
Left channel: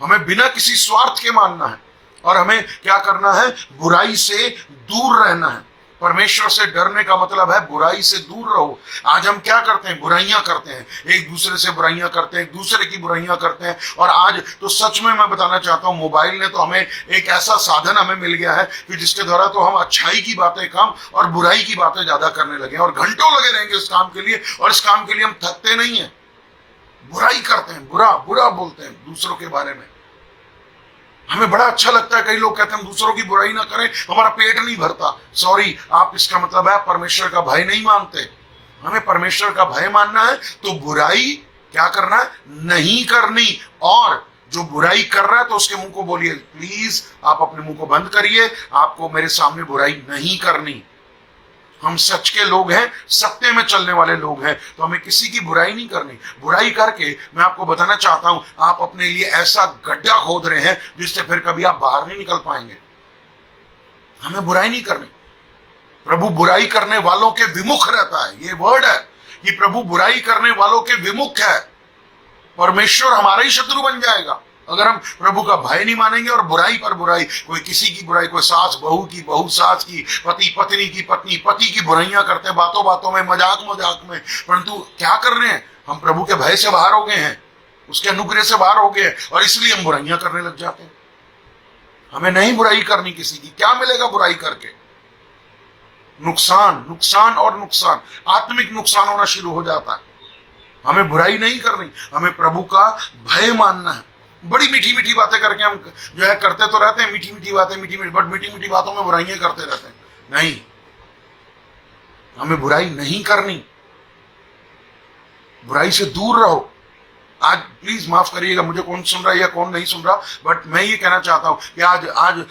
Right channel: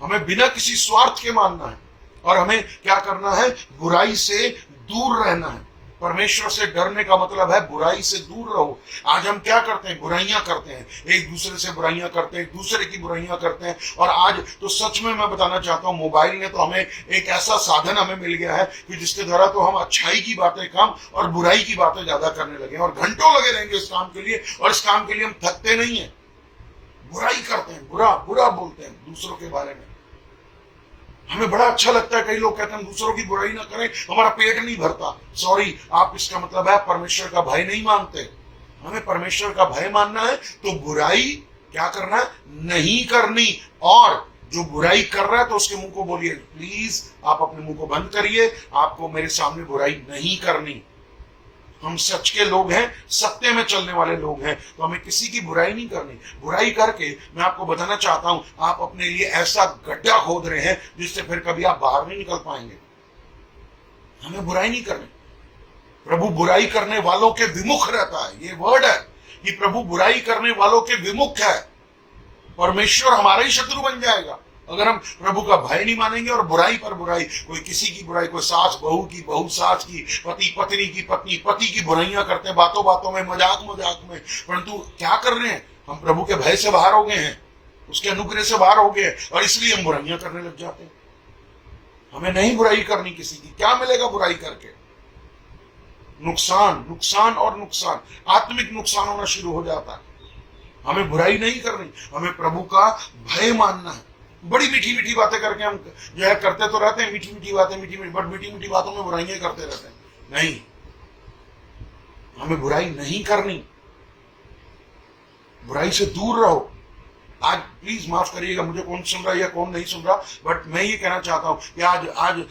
हमें बिना किसी स्वार्थ के मानना है और हमें क्या करना है? बुराई से दूर रहना है। परमेश्वर से डरने का मतलब है बुराई से दूर रहो। आज हम क्या करते हैं? बुराइयां करते हैं, एक दूसरे से बुराइयां करते हैं, एक दूसरे की बुराइयां करते हैं। और आज तो सच में मैं बताना चाहता हूं, मोबाइल ने तो हमें एक ऐसा साधन हमें मिल गया है कि जिसके द्वारा तो हम अच्छाई की बातें कम और बुराई की बातें ज्यादा करने लगे हैं और घंटों लगे रहेंगे इस काम के लिए, और इस काम के लिए हम थकते नहीं है। बुराई करते हैं, बुरा बुरा बोलते हैं दूसरों के बारे में। हमें बड़ा अच्छा लगता है, कई लोग कहते हैं हम दूसरों की बुराई ना करें, हमारा पेट नहीं भरता। सॉरी, आप इसका मतलब है परमेश्वर का भय नहीं मानते। हमें परमेश्वर का भय मानना है तो बुराई क्या करना है? नहीं करनी। और जो बुराई कर रहा है तो उसके मुंह को बोलिए, प्लीज आप अपने मुंह को बंद करिए, आपको मेरे सामने बुराई नहीं करनी। हम सच के लोग हैं, सत्य में चलने वाले लोग हैं, तो हमें किसी की बुराई नहीं करनी। बुराई करके मैं आपको बताना चाहता हूं, आप अपने लिए ऐसा गड्ढा खोद रहे हैं जिससे फिर कभी आप बाहर नहीं निकल पाएंगे। हमें बुराई नहीं करनी। प्रभु बुराई करने वालों के विमुख रहता है, ये वर्ड है कि प्रभु बुराई करने वालों के विमुख है। परमेश्वर हमारा ही शत्रु बन जाएगा अगर हम प्रभु का भय नहीं मानेंगे और बुराई पर बुराई, कोई किसी की बुराई, कोई सास बहू की, बहू सास की, पति पत्नी की, पत्नी पति की बुराइयां करते हैं बातों बातों में, मजाक मजाक में। परंतु क्या कर रहे हैं? हम प्रभु के भय से बाहर हो गए हैं, उसके अनुग्रह से बाहर हो गए हैं और इसलिए हम बुराइयां करने लग जाते हैं। हमें नहीं बुराई करनी किसी की। क्या मिलेगा बुराई करके? नुकसान, नुकसान और नुकसान, आत्मिक नुकसान होना शुरू हो जाता है। हमें बुराई नहीं करनी, हमें प्रभु का भय मानना है। बड़ी मीठी मीठी बातें करके हम जो है करते तो रहते हैं, मीठी मीठी बातें, मीठी मीठी, बट मीठी मीठी बातों में बुराइयां करते रहते हैं। नहीं, हमें बुराई नहीं करनी, बुराई से दूर रहो। आज प्लीज माफ करिएगा मुझे कौन सुन रहा है या कौन नहीं सुन रहा, बट मैं ये कहना चाहता हूं कि आज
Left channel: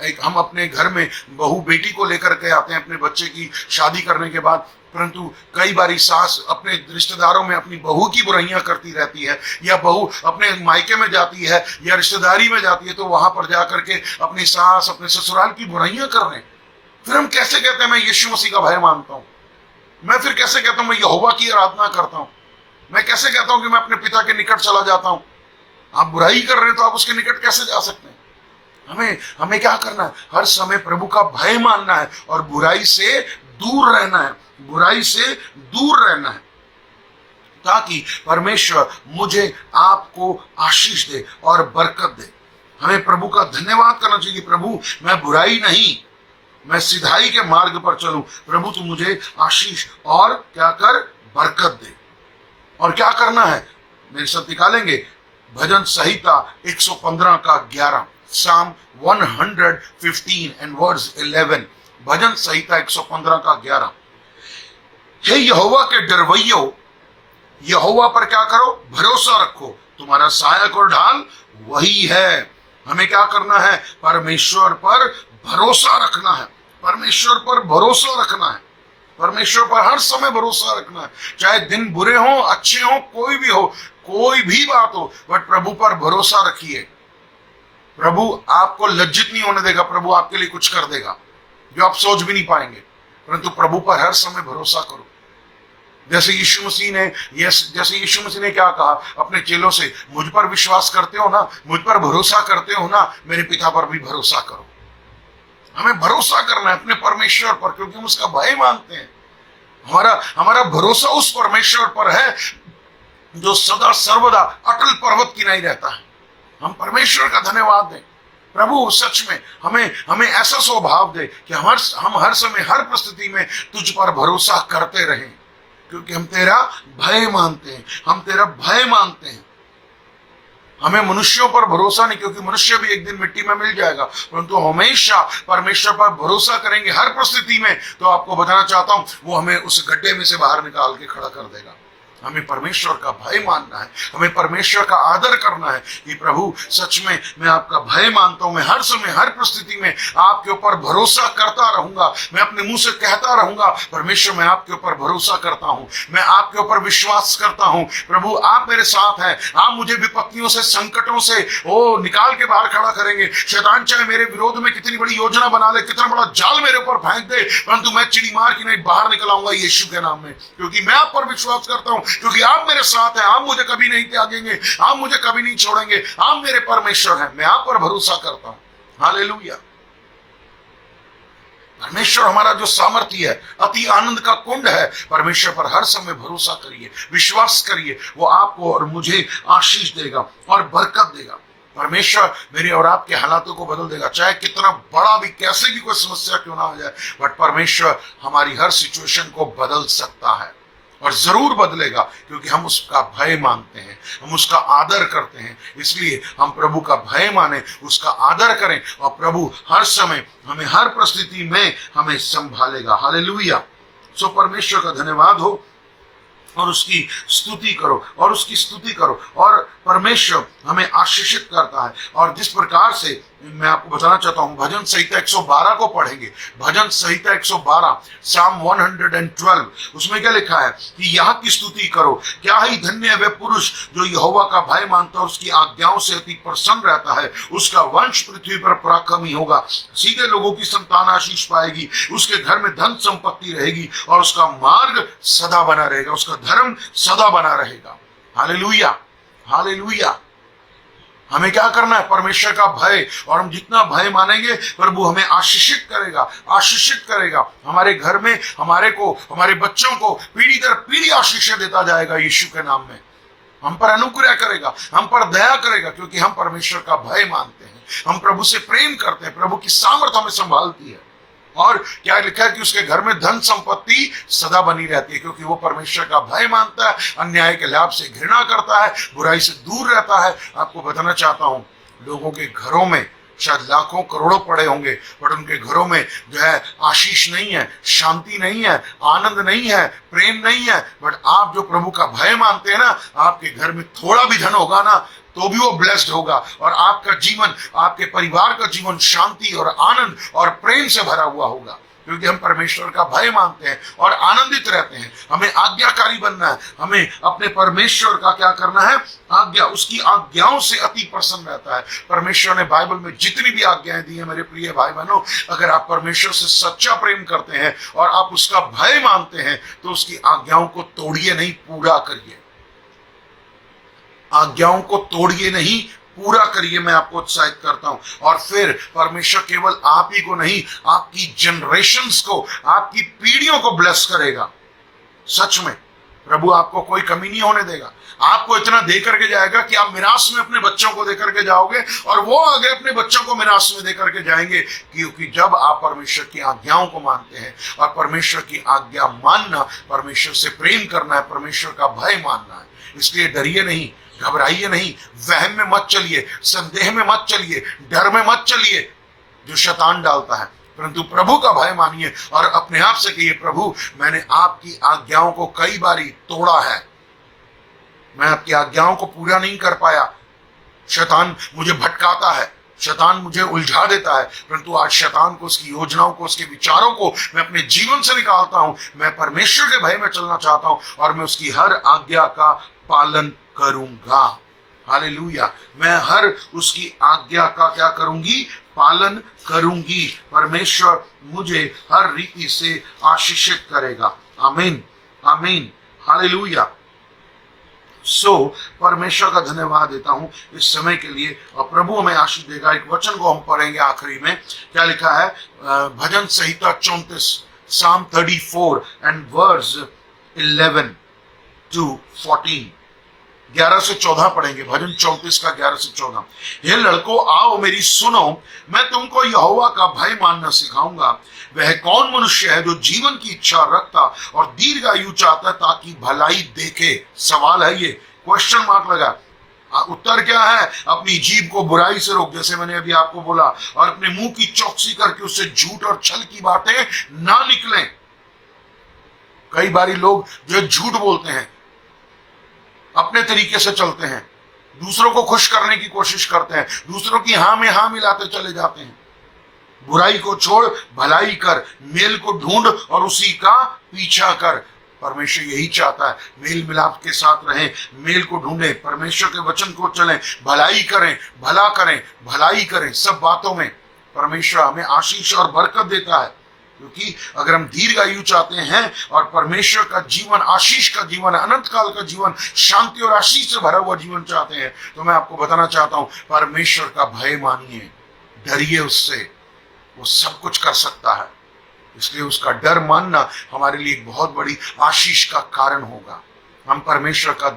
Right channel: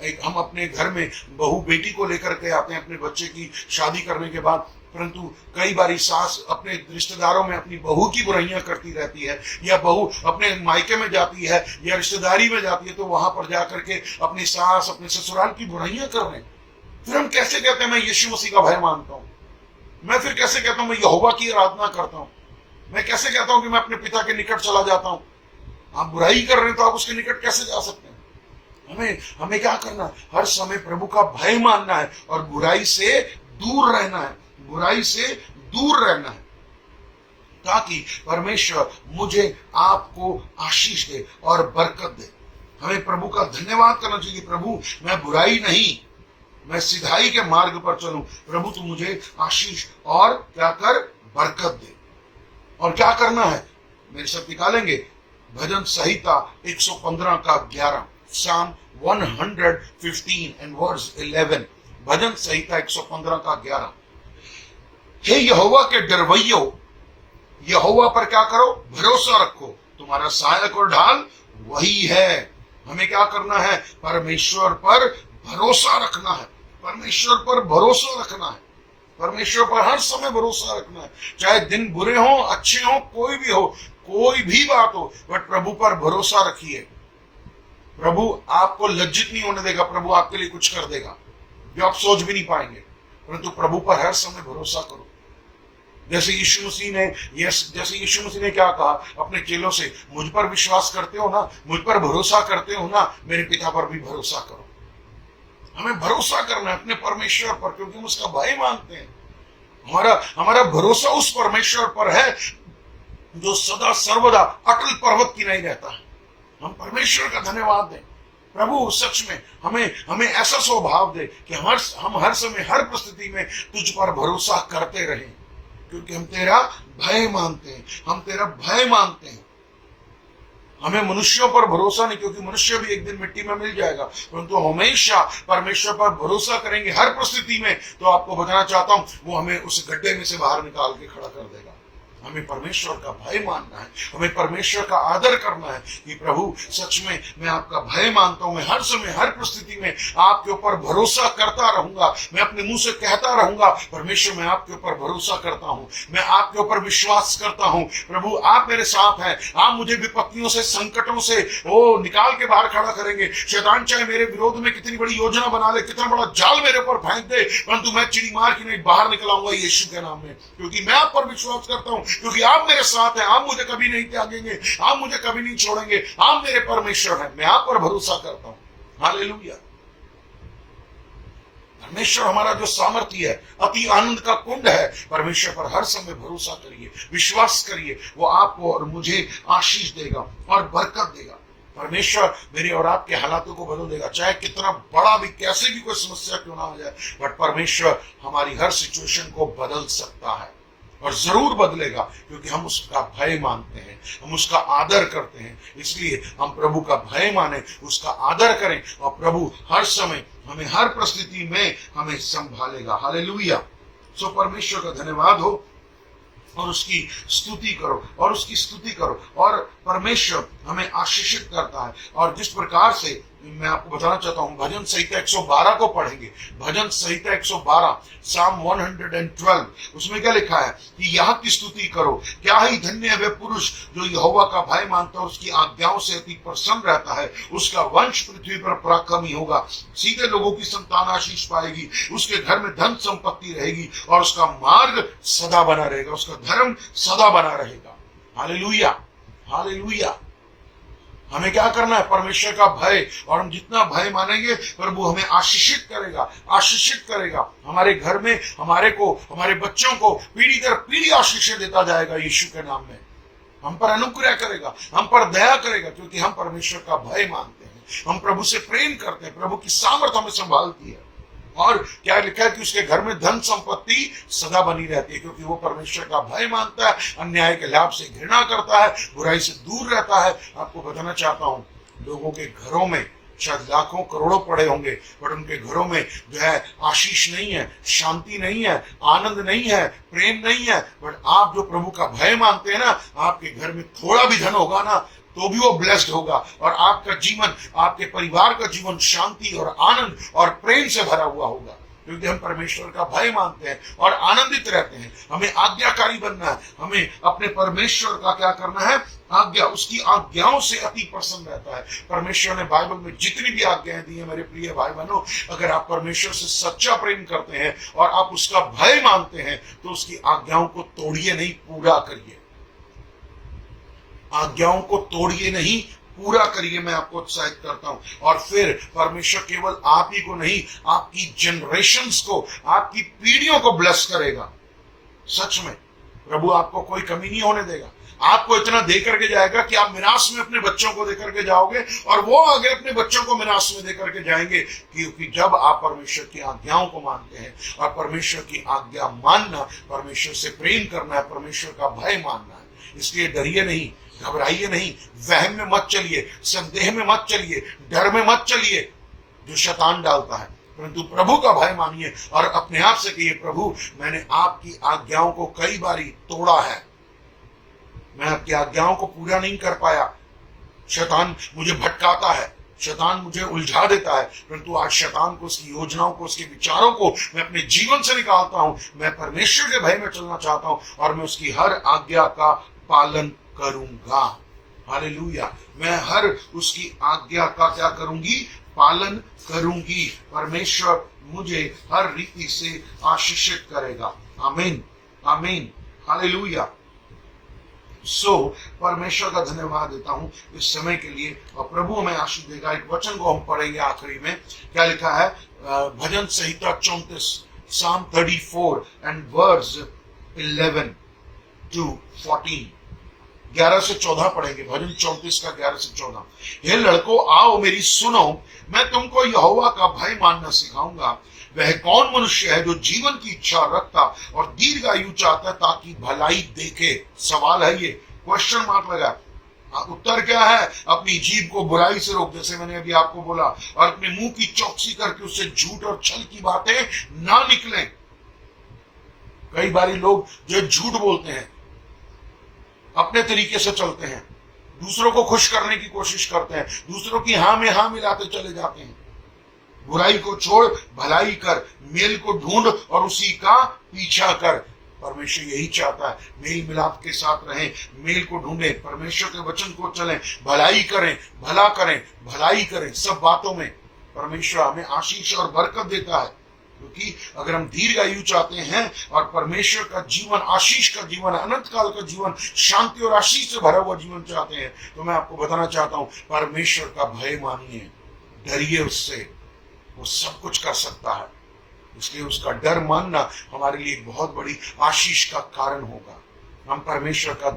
एक हम अपने घर में बहू बेटी को लेकर के आते हैं अपने बच्चे की शादी करने के बाद, परंतु कई बारी सास अपने रिश्तेदारों में अपनी बहू की बुराइयां करती रहती है, या बहू अपने मायके में जाती है या रिश्तेदारी में जाती है तो वहां पर जाकर के अपनी सास, अपने ससुराल की बुराइयां कर रहे हैं। फिर हम कैसे कहते हैं मैं यीशु मसीह का भय मानता हूं? मैं फिर कैसे कहता हूं मैं यहोवा की आराधना करता हूं? मैं कैसे कहता हूं कि मैं अपने पिता के निकट चला जाता हूं? आप बुराई कर रहे हैं तो आप उसके निकट कैसे जा सकते हैं? हमें क्या करना है? हर समय प्रभु का भय मानना है और बुराई से दूर रहना है, बुराई से दूर रहना है, ताकि परमेश्वर मुझे आपको आशीष दे और बरकत दे। हमें प्रभु का धन्यवाद करना चाहिए, प्रभु मैं बुराई नहीं, मैं सिधाई के मार्ग पर चलूं। प्रभु तू मुझे आशीष और क्या कर? बरकत दे। और क्या करना है? मेरे साथ निकालेंगे भजन संहिता 115 का 11, Psalm 115 and verse 11। भजन संहिता 115 का 11। हे यहोवा के डरवैयो, यहोवा पर क्या करो? भरोसा रखो, तुम्हारा सहायक और ढाल वही है। हमें क्या करना है? परमेश्वर पर भरोसा रखना है, परमेश्वर पर भरोसा रखना है, परमेश्वर पर हर समय भरोसा रखना है। चाहे दिन बुरे हो, अच्छे हो, कोई भी हो, कोई भी बात हो, बट प्रभु पर भरोसा रखिए। प्रभु आपको लज्जित नहीं होने देगा, प्रभु आपके लिए कुछ कर देगा जो आप सोच भी नहीं पाएंगे। परंतु प्रभु पर हर समय भरोसा करो। जैसे यीशु मसीह ने क्या कहा अपने चेलों से, मुझ पर विश्वास करते हो ना, मुझ पर भरोसा करते हो ना, मेरे पिता पर भी भरोसा करो। हमें भरोसा करना है अपने परमेश्वर पर, क्योंकि हम उसका भय मानते हैं। हमारा भरोसा उस परमेश्वर पर है जो सदा सर्वदा अटल पर्वत की नहीं रहता है। हम परमेश्वर का धन्यवाद दें। प्रभु सच में हमें ऐसा स्वभाव दे कि हम हर समय हर परिस्थिति में तुझ पर भरोसा करते रहें, क्योंकि हम तेरा भय मानते हैं, हम तेरा भय मानते हैं। हमें मनुष्यों पर भरोसा नहीं, क्योंकि मनुष्य भी एक दिन मिट्टी में मिल जाएगा, परंतु हमेशा परमेश्वर पर भरोसा करेंगे हर परिस्थिति में। तो आपको बताना चाहता हूं, वो हमें उस गड्ढे में से बाहर निकाल के खड़ा कर देगा। हमें परमेश्वर का भय मानना है, हमें परमेश्वर का आदर करना है कि प्रभु सच में मैं आपका भय मानता हूं, मैं हर समय हर परिस्थिति में आपके ऊपर भरोसा करता रहूंगा। मैं अपने मुंह से कहता रहूंगा, परमेश्वर मैं आपके ऊपर भरोसा करता हूं, मैं आपके ऊपर विश्वास करता हूं। प्रभु आप मेरे साथ हैं, आप मुझे विपत्तियों से, संकटों से निकाल के बाहर खड़ा करेंगे। शैतान चाहे मेरे विरोध में कितनी बड़ी योजना बना ले, कितना बड़ा जाल मेरे ऊपर फेंक दे, परंतु मैं चिड़ी मार के नहीं बाहर निकल आऊंगा यीशु के नाम में, क्योंकि मैं आप पर विश्वास करता हूं, क्योंकि आप मेरे साथ हैं। आप मुझे कभी नहीं त्यागेंगे, आप मुझे कभी नहीं छोड़ेंगे, आप मेरे परमेश्वर हैं। मैं आप पर भरोसा करता हूं। हालेलुया। परमेश्वर हमारा जो सामर्थ्य है, अति आनंद का कुंड है। परमेश्वर पर हर समय भरोसा करिए, विश्वास करिए, वो आपको और मुझे आशीष देगा और बरकत देगा। परमेश्वर मेरे और आपके हालातों को बदल देगा, चाहे कितना बड़ा भी, कैसे भी कोई समस्या क्यों ना हो जाए, बट परमेश्वर हमारी हर सिचुएशन को बदल सकता है और जरूर बदलेगा, क्योंकि हम उसका भय मानते हैं, हम उसका आदर करते हैं। इसलिए हम प्रभु का भय माने, उसका आदर करें, और प्रभु हर समय हमें हर परिस्थिति में हमें संभालेगा। हालेलुया। सो परमेश्वर का धन्यवाद हो और उसकी स्तुति करो, और उसकी स्तुति करो। और परमेश्वर हमें आशीषित करता है। और जिस प्रकार से मैं आपको बताना चाहता हूं, भजन संहिता 112 को पढ़ेंगे। भजन संहिता 112 साम 112, उसमें क्या लिखा है कि यहाँ की स्तुति करो, क्या ही धन्य है वे पुरुष जो यहोवा का भय मानता है, उसकी आज्ञाओं से अति प्रसन्न रहता है। उसका वंश पृथ्वी पर पराक्रमी होगा, सीधे लोगों की संतान आशीष पाएगी, उसके घर में धन संपत्ति रहेगी, और उसका मार्ग सदा बना रहेगा, उसका धर्म सदा बना रहेगा। Hallelujah, hallelujah. हमें क्या करना है? परमेश्वर का भय, और हम जितना भय मानेंगे प्रभु हमें आशीषित करेगा, आशीषित करेगा। हमारे घर में हमारे बच्चों को पीढ़ी दर पीढ़ी आशीष देता जाएगा यीशु के नाम में। हम पर अनुग्रह करेगा, हम पर दया करेगा, क्योंकि हम परमेश्वर का भय मानते हैं, हम प्रभु से प्रेम करते हैं। प्रभु की सामर्थ हमें संभालती है। और क्या लिखा है कि उसके घर में धन संपत्ति सदा बनी रहती है, क्योंकि वो परमेश्वर का भय मानता है, अन्याय के लाभ से घृणा करता है, बुराई से दूर रहता है। आपको बताना चाहता हूं, लोगों के घरों में शायद लाखों करोड़ों पड़े होंगे, बट उनके घरों में जो है आशीष नहीं है, शांति नहीं है, आनंद नहीं है, प्रेम नहीं है। बट आप जो प्रभु का भय मानते हैं ना, आपके घर में थोड़ा भी धन होगा ना, तो भी वो ब्लेस्ड होगा, और आपका जीवन, आपके परिवार का जीवन शांति और आनंद और प्रेम से भरा हुआ होगा, क्योंकि हम परमेश्वर का भय मानते हैं और आनंदित रहते हैं। हमें आज्ञाकारी बनना है, हमें अपने परमेश्वर का क्या करना है? आज्ञा, उसकी आज्ञाओं से अति प्रसन्न रहता है। परमेश्वर ने बाइबल में जितनी भी आज्ञाएं दी है मेरे प्रिय भाई बहनों, अगर आप परमेश्वर से सच्चा प्रेम करते हैं और आप उसका भय मानते हैं, तो उसकी आज्ञाओं को तोड़िए नहीं, पूरा करिए। आज्ञाओं को तोड़िए नहीं, पूरा करिए। मैं आपको उत्साहित करता हूं। और फिर परमेश्वर केवल आप ही को नहीं, आपकी जनरेशंस को, आपकी पीढ़ियों को ब्लेस करेगा। सच में प्रभु आपको कोई कमी नहीं होने देगा। आपको इतना दे करके जाएगा कि आप मिरास में अपने बच्चों को दे करके जाओगे, और वो आगे अपने बच्चों को मिरास में दे करके जाएंगे, क्योंकि जब आप परमेश्वर की आज्ञाओं को मानते हैं। और परमेश्वर की आज्ञा मानना, परमेश्वर से प्रेम करना है, परमेश्वर का भय मानना है। इसलिए डरिए नहीं, घबराइए नहीं, वहम में मत चलिए, संदेह में मत चलिए, डर में मत चलिए जो शैतान डालता है, परंतु प्रभु का भय मानिए और अपने आप से कहिए, प्रभु मैंने आपकी आज्ञाओं को कई बारी तोड़ा है, मैं आपकी आज्ञाओं को पूरा नहीं कर पाया, शैतान मुझे भटकाता है, शैतान मुझे उलझा देता है, परंतु आज शैतान को, उसकी योजनाओं को, उसके विचारों को मैं अपने जीवन से निकालता हूं। मैं परमेश्वर के भय में चलना चाहता हूं और मैं उसकी हर आज्ञा का पालन करूंगा। हालेलुया। मैं हर उसकी आज्ञा का क्या करूंगी? पालन करूंगी। परमेश्वर मुझे हर रीति से आशीषित करेगा। आमीन, आमीन, हालेलुया। परमेश्वर का धन्यवाद देता हूं इस समय के लिए, और प्रभु हमें आशीष देगा। एक वचन को हम पढ़ेंगे आखिरी में, क्या लिखा है? भजन संहिता 34, Psalm 34 and verse 11 to 14, 11 से 14 पढ़ेंगे। भजन 34 का 11 से 14। हे लड़कों, आओ मेरी सुनो, मैं तुमको यहोवा का भय मानना सिखाऊंगा। वह कौन मनुष्य है जो जीवन की इच्छा रखता और दीर्घायु चाहता ताकि भलाई देखे? सवाल है ये, क्वेश्चन मार्क लगा। उत्तर क्या है? अपनी जीभ को बुराई से रोक, जैसे मैंने अभी आपको बोला, और अपने मुंह की चौकसी करके उससे झूठ और छल की बातें ना निकलें। कई बारी लोग जो झूठ बोलते हैं, अपने तरीके से चलते हैं, दूसरों को खुश करने की कोशिश करते हैं, दूसरों की हाँ में हाँ मिलाते चले जाते हैं। बुराई को छोड़ भलाई कर, मेल को ढूंढ और उसी का पीछा कर। परमेश्वर यही चाहता है, मेल मिलाप के साथ रहें, मेल को ढूंढें, परमेश्वर के वचन को चलें, भलाई करें, भला करें, भलाई करें। सब बातों में परमेश्वर हमें आशीष और बरकत देता है, क्योंकि अगर हम दीर्घायु चाहते हैं और परमेश्वर का जीवन, आशीष का जीवन, अनंत काल का जीवन, शांति और आशीष से भरा हुआ जीवन चाहते हैं, तो मैं आपको बताना चाहता हूं, परमेश्वर का भय मानिए, डरिए उससे। वो सब कुछ कर सकता है, इसलिए उसका डर मानना हमारे लिए एक बहुत बड़ी आशीष का कारण होगा। हम परमेश्वर का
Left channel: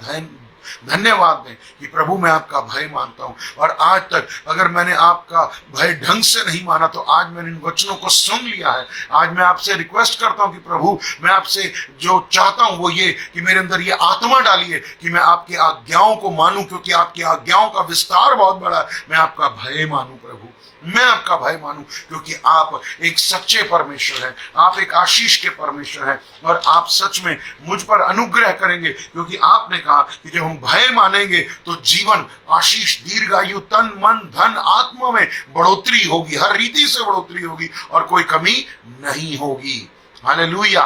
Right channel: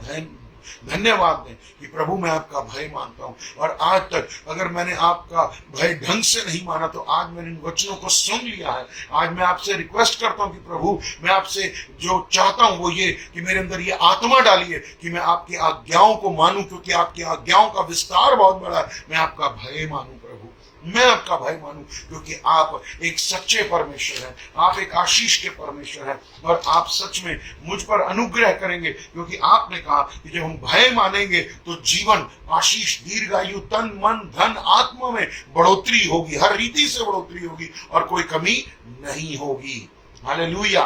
धन्यवाद दें कि प्रभु मैं आपका भय मानता हूं, और आज तक अगर मैंने आपका भय ढंग से नहीं माना तो आज मैंने इन वचनों को सुन लिया है। आज मैं आपसे रिक्वेस्ट करता हूं कि प्रभु मैं आपसे जो चाहता हूं वो ये कि मेरे अंदर ये आत्मा डालिए कि मैं आपकी आज्ञाओं को मानूं, क्योंकि आपकी आज्ञाओं का विस्तार बहुत बड़ा है। मैं आपका भय मानूं प्रभु, मैं आपका भय मानूं, क्योंकि आप एक सच्चे परमेश्वर हैं, आप एक आशीष के परमेश्वर हैं, और आप सच में मुझ पर अनुग्रह करेंगे, क्योंकि आपने कहा कि जब हम भय मानेंगे तो जीवन, आशीष, दीर्घायु, तन, मन, धन, आत्मा में बढ़ोतरी होगी, हर रीति से बढ़ोतरी होगी और कोई कमी नहीं होगी। हालेलुया।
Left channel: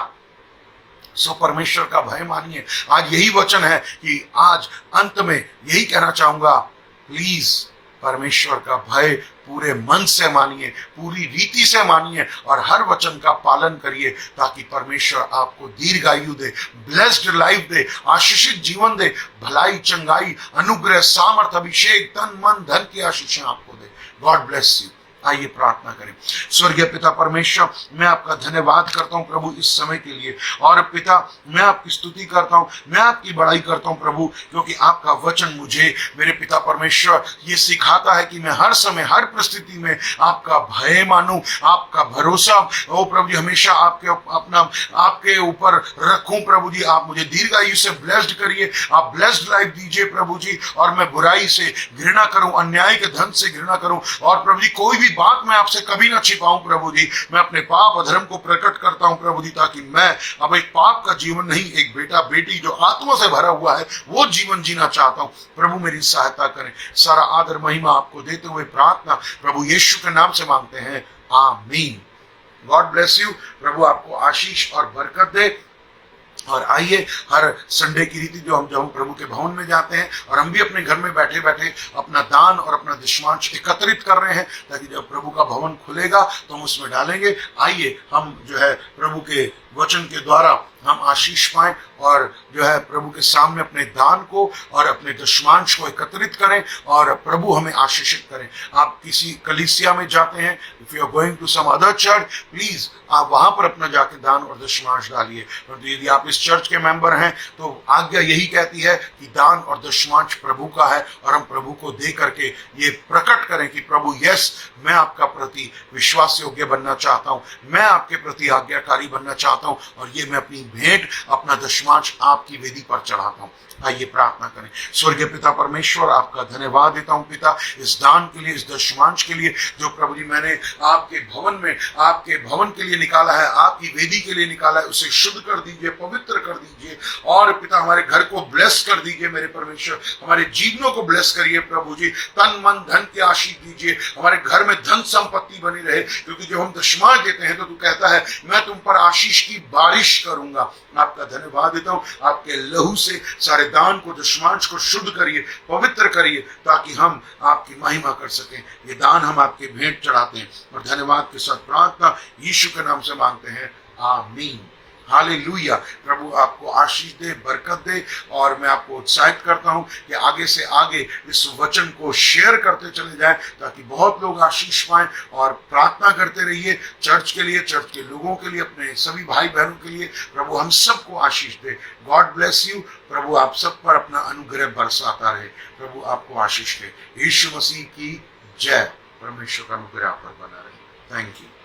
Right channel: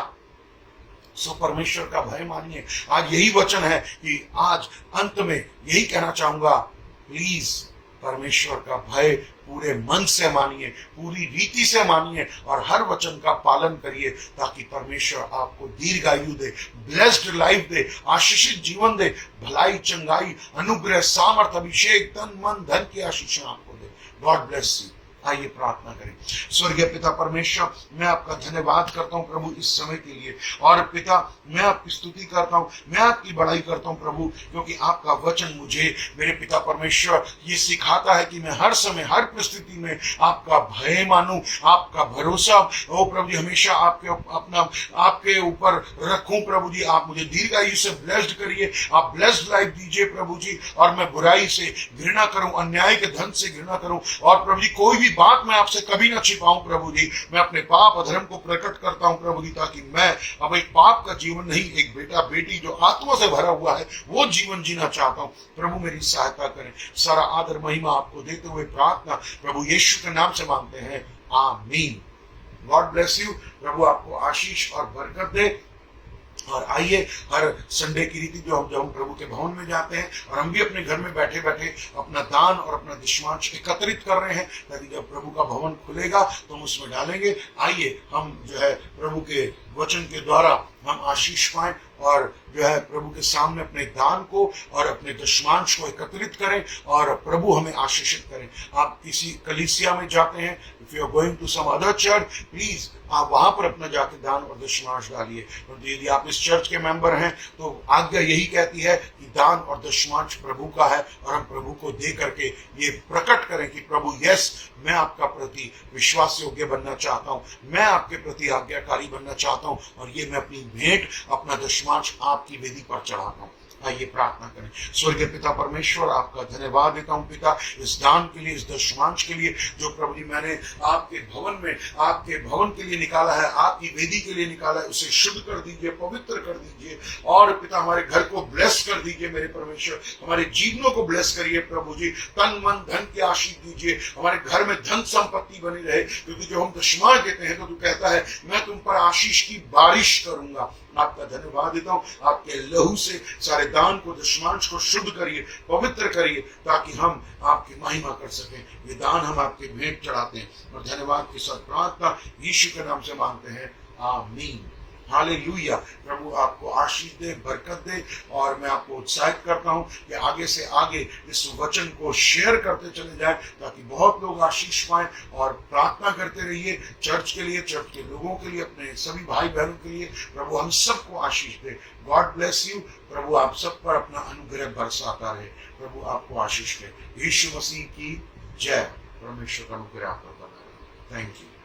परमेश्वर का भय मानिए। आज यही वचन है कि आज अंत में यही कहना चाहूंगा, प्लीज परमेश्वर का भय पूरे मन से मानिए, पूरी रीति से मानिए और हर वचन का पालन करिए, ताकि परमेश्वर आपको दीर्घायु दे, ब्लेस्ड लाइफ दे, आशीषित जीवन दे, भलाई, चंगाई, अनुग्रह, सामर्थ, अभिषेक, तन, मन, धन की आशीषें आपको दे। God bless you. आइए प्रार्थना करें। स्वर्गीय पिता परमेश्वर, मैं आपका धन्यवाद करता हूं प्रभु इस समय के लिए, और पिता मैं आपकी स्तुति करता हूं, मैं आपकी बड़ाई करता हूं प्रभु, क्योंकि आपका वचन मुझे मेरे पिता परमेश्वर ये सिखाता है कि मैं हर समय, हर परिस्थिति में आपका भय मानूं, आपका भरोसा ओ प्रभु जी हमेशा आपके ऊपर रखूं प्रभु जी। आप मुझे दीर्घायु से ब्लेस्ड करिए, आप ब्लेस्ड लाइफ दीजिए प्रभु जी, और मैं बुराई से घृणा करूं, अन्याय के धन से घृणा करूं, और प्रभु जी कोई भी बात मैं आपसे कभी ना छिपाऊं प्रभु जी। मैं अपने पाप अधर्म को प्रकट करता हूं प्रभु जी, ताकि मैं अब एक पाप का जीवन नहीं, एक बेटा बेटी जो आत्मा से भरा हुआ है वो जीवन जीना चाहता हूं प्रभु। मेरी सहायता करें। सारा आदर महिमा आपको देते हुए प्रार्थना प्रभु यीशु के नाम से मांगते हैं, आमीन। God bless you. प्रभु आपको आशीष और बरकत दे। और आइए, हर संडे की रीति जब हम प्रभु के भवन में जाते हैं, और हम भी अपने घर में बैठे बैठे अपना दान और अपना दशमांश एकत्रित कर रहे हैं, ताकि जब प्रभु का भवन खुलेगा तो हम उसमें डालेंगे। आइए हम जो है प्रभु के वचन के द्वारा हम आशीष पाएं, और जो है प्रभु के सामने अपने दान को और अपने दशमांश को एकत्रित करें, और प्रभु हमें आशीषित करें। आप किसी कलीसिया में जाते हैं, if you are going to some other church, please आप वहां पर अपना जाके दान और दशमांश डालिए। परंतु यदि आप इस चर्च के मेंबर हैं तो आज्ञा यही कहती है कि दान और दशमांश प्रभु का है, और हम प्रभु को दे करके ये प्रकट करें कि प्रभु यस, मैं आपका प्रति विश्वास योग्य बनना चाहता हूं, मैं आपके प्रति आज्ञाकारी बनना चाहता हूं, और ये मैं अपनी भेंट, अपना दशमांश आपकी वेदी पर चढ़ाता हूं। आइए प्रार्थना करें। स्वर्गीय पिता परमेश्वर, आपका धन्यवाद देता हूं पिता, इस दान के लिए, इस दशमांश के लिए जो प्रभु जी मैंने आपके भवन में, आपके भवन के लिए निकाला है, आपकी वेदी के लिए निकाला है, उसे शुद्ध कर दीजिए, पवित्र कर दीजिए, और पिता हमारे घर को ब्लेस कर दीजिए मेरे परमेश्वर, हमारे जीवनों को ब्लेस करिए प्रभु जी, तन मन धन की आशीष दीजिए, हमारे घर में धन संपत्ति बनी रहे, क्योंकि जब हम दशमांश देते हैं तो तू कहता है मैं तुम पर आशीष की बारिश करूंगा। आपका धन्यवाद देता हूं, आपके लहू से सारे दान को, दुश्मन को शुद्ध करिए, पवित्र करिए, ताकि हम आपकी महिमा कर सकें। ये दान हम आपके भेंट चढ़ाते हैं और धन्यवाद के साथ प्रार्थना यीशु के नाम से मांगते हैं, आमीन। हालेलुया। प्रभु आपको आशीष दे, बरकत दे, और मैं आपको उत्साहित करता हूं कि आगे से आगे इस वचन को शेयर करते चले जाएं, ताकि बहुत लोग आशीष पाएं। और प्रार्थना करते रहिए चर्च के लिए, चर्च के लोगों के लिए, अपने सभी भाई बहनों के लिए। प्रभु हम सबको आशीष दे। God bless you. प्रभु आप सब पर अपना अनुग्रह बरसाता रहे। प्रभु आपको आशीष दे। यीशु मसीह की जय। परमेश्वर का अनुग्रह आप पर बना रहे। Thank you.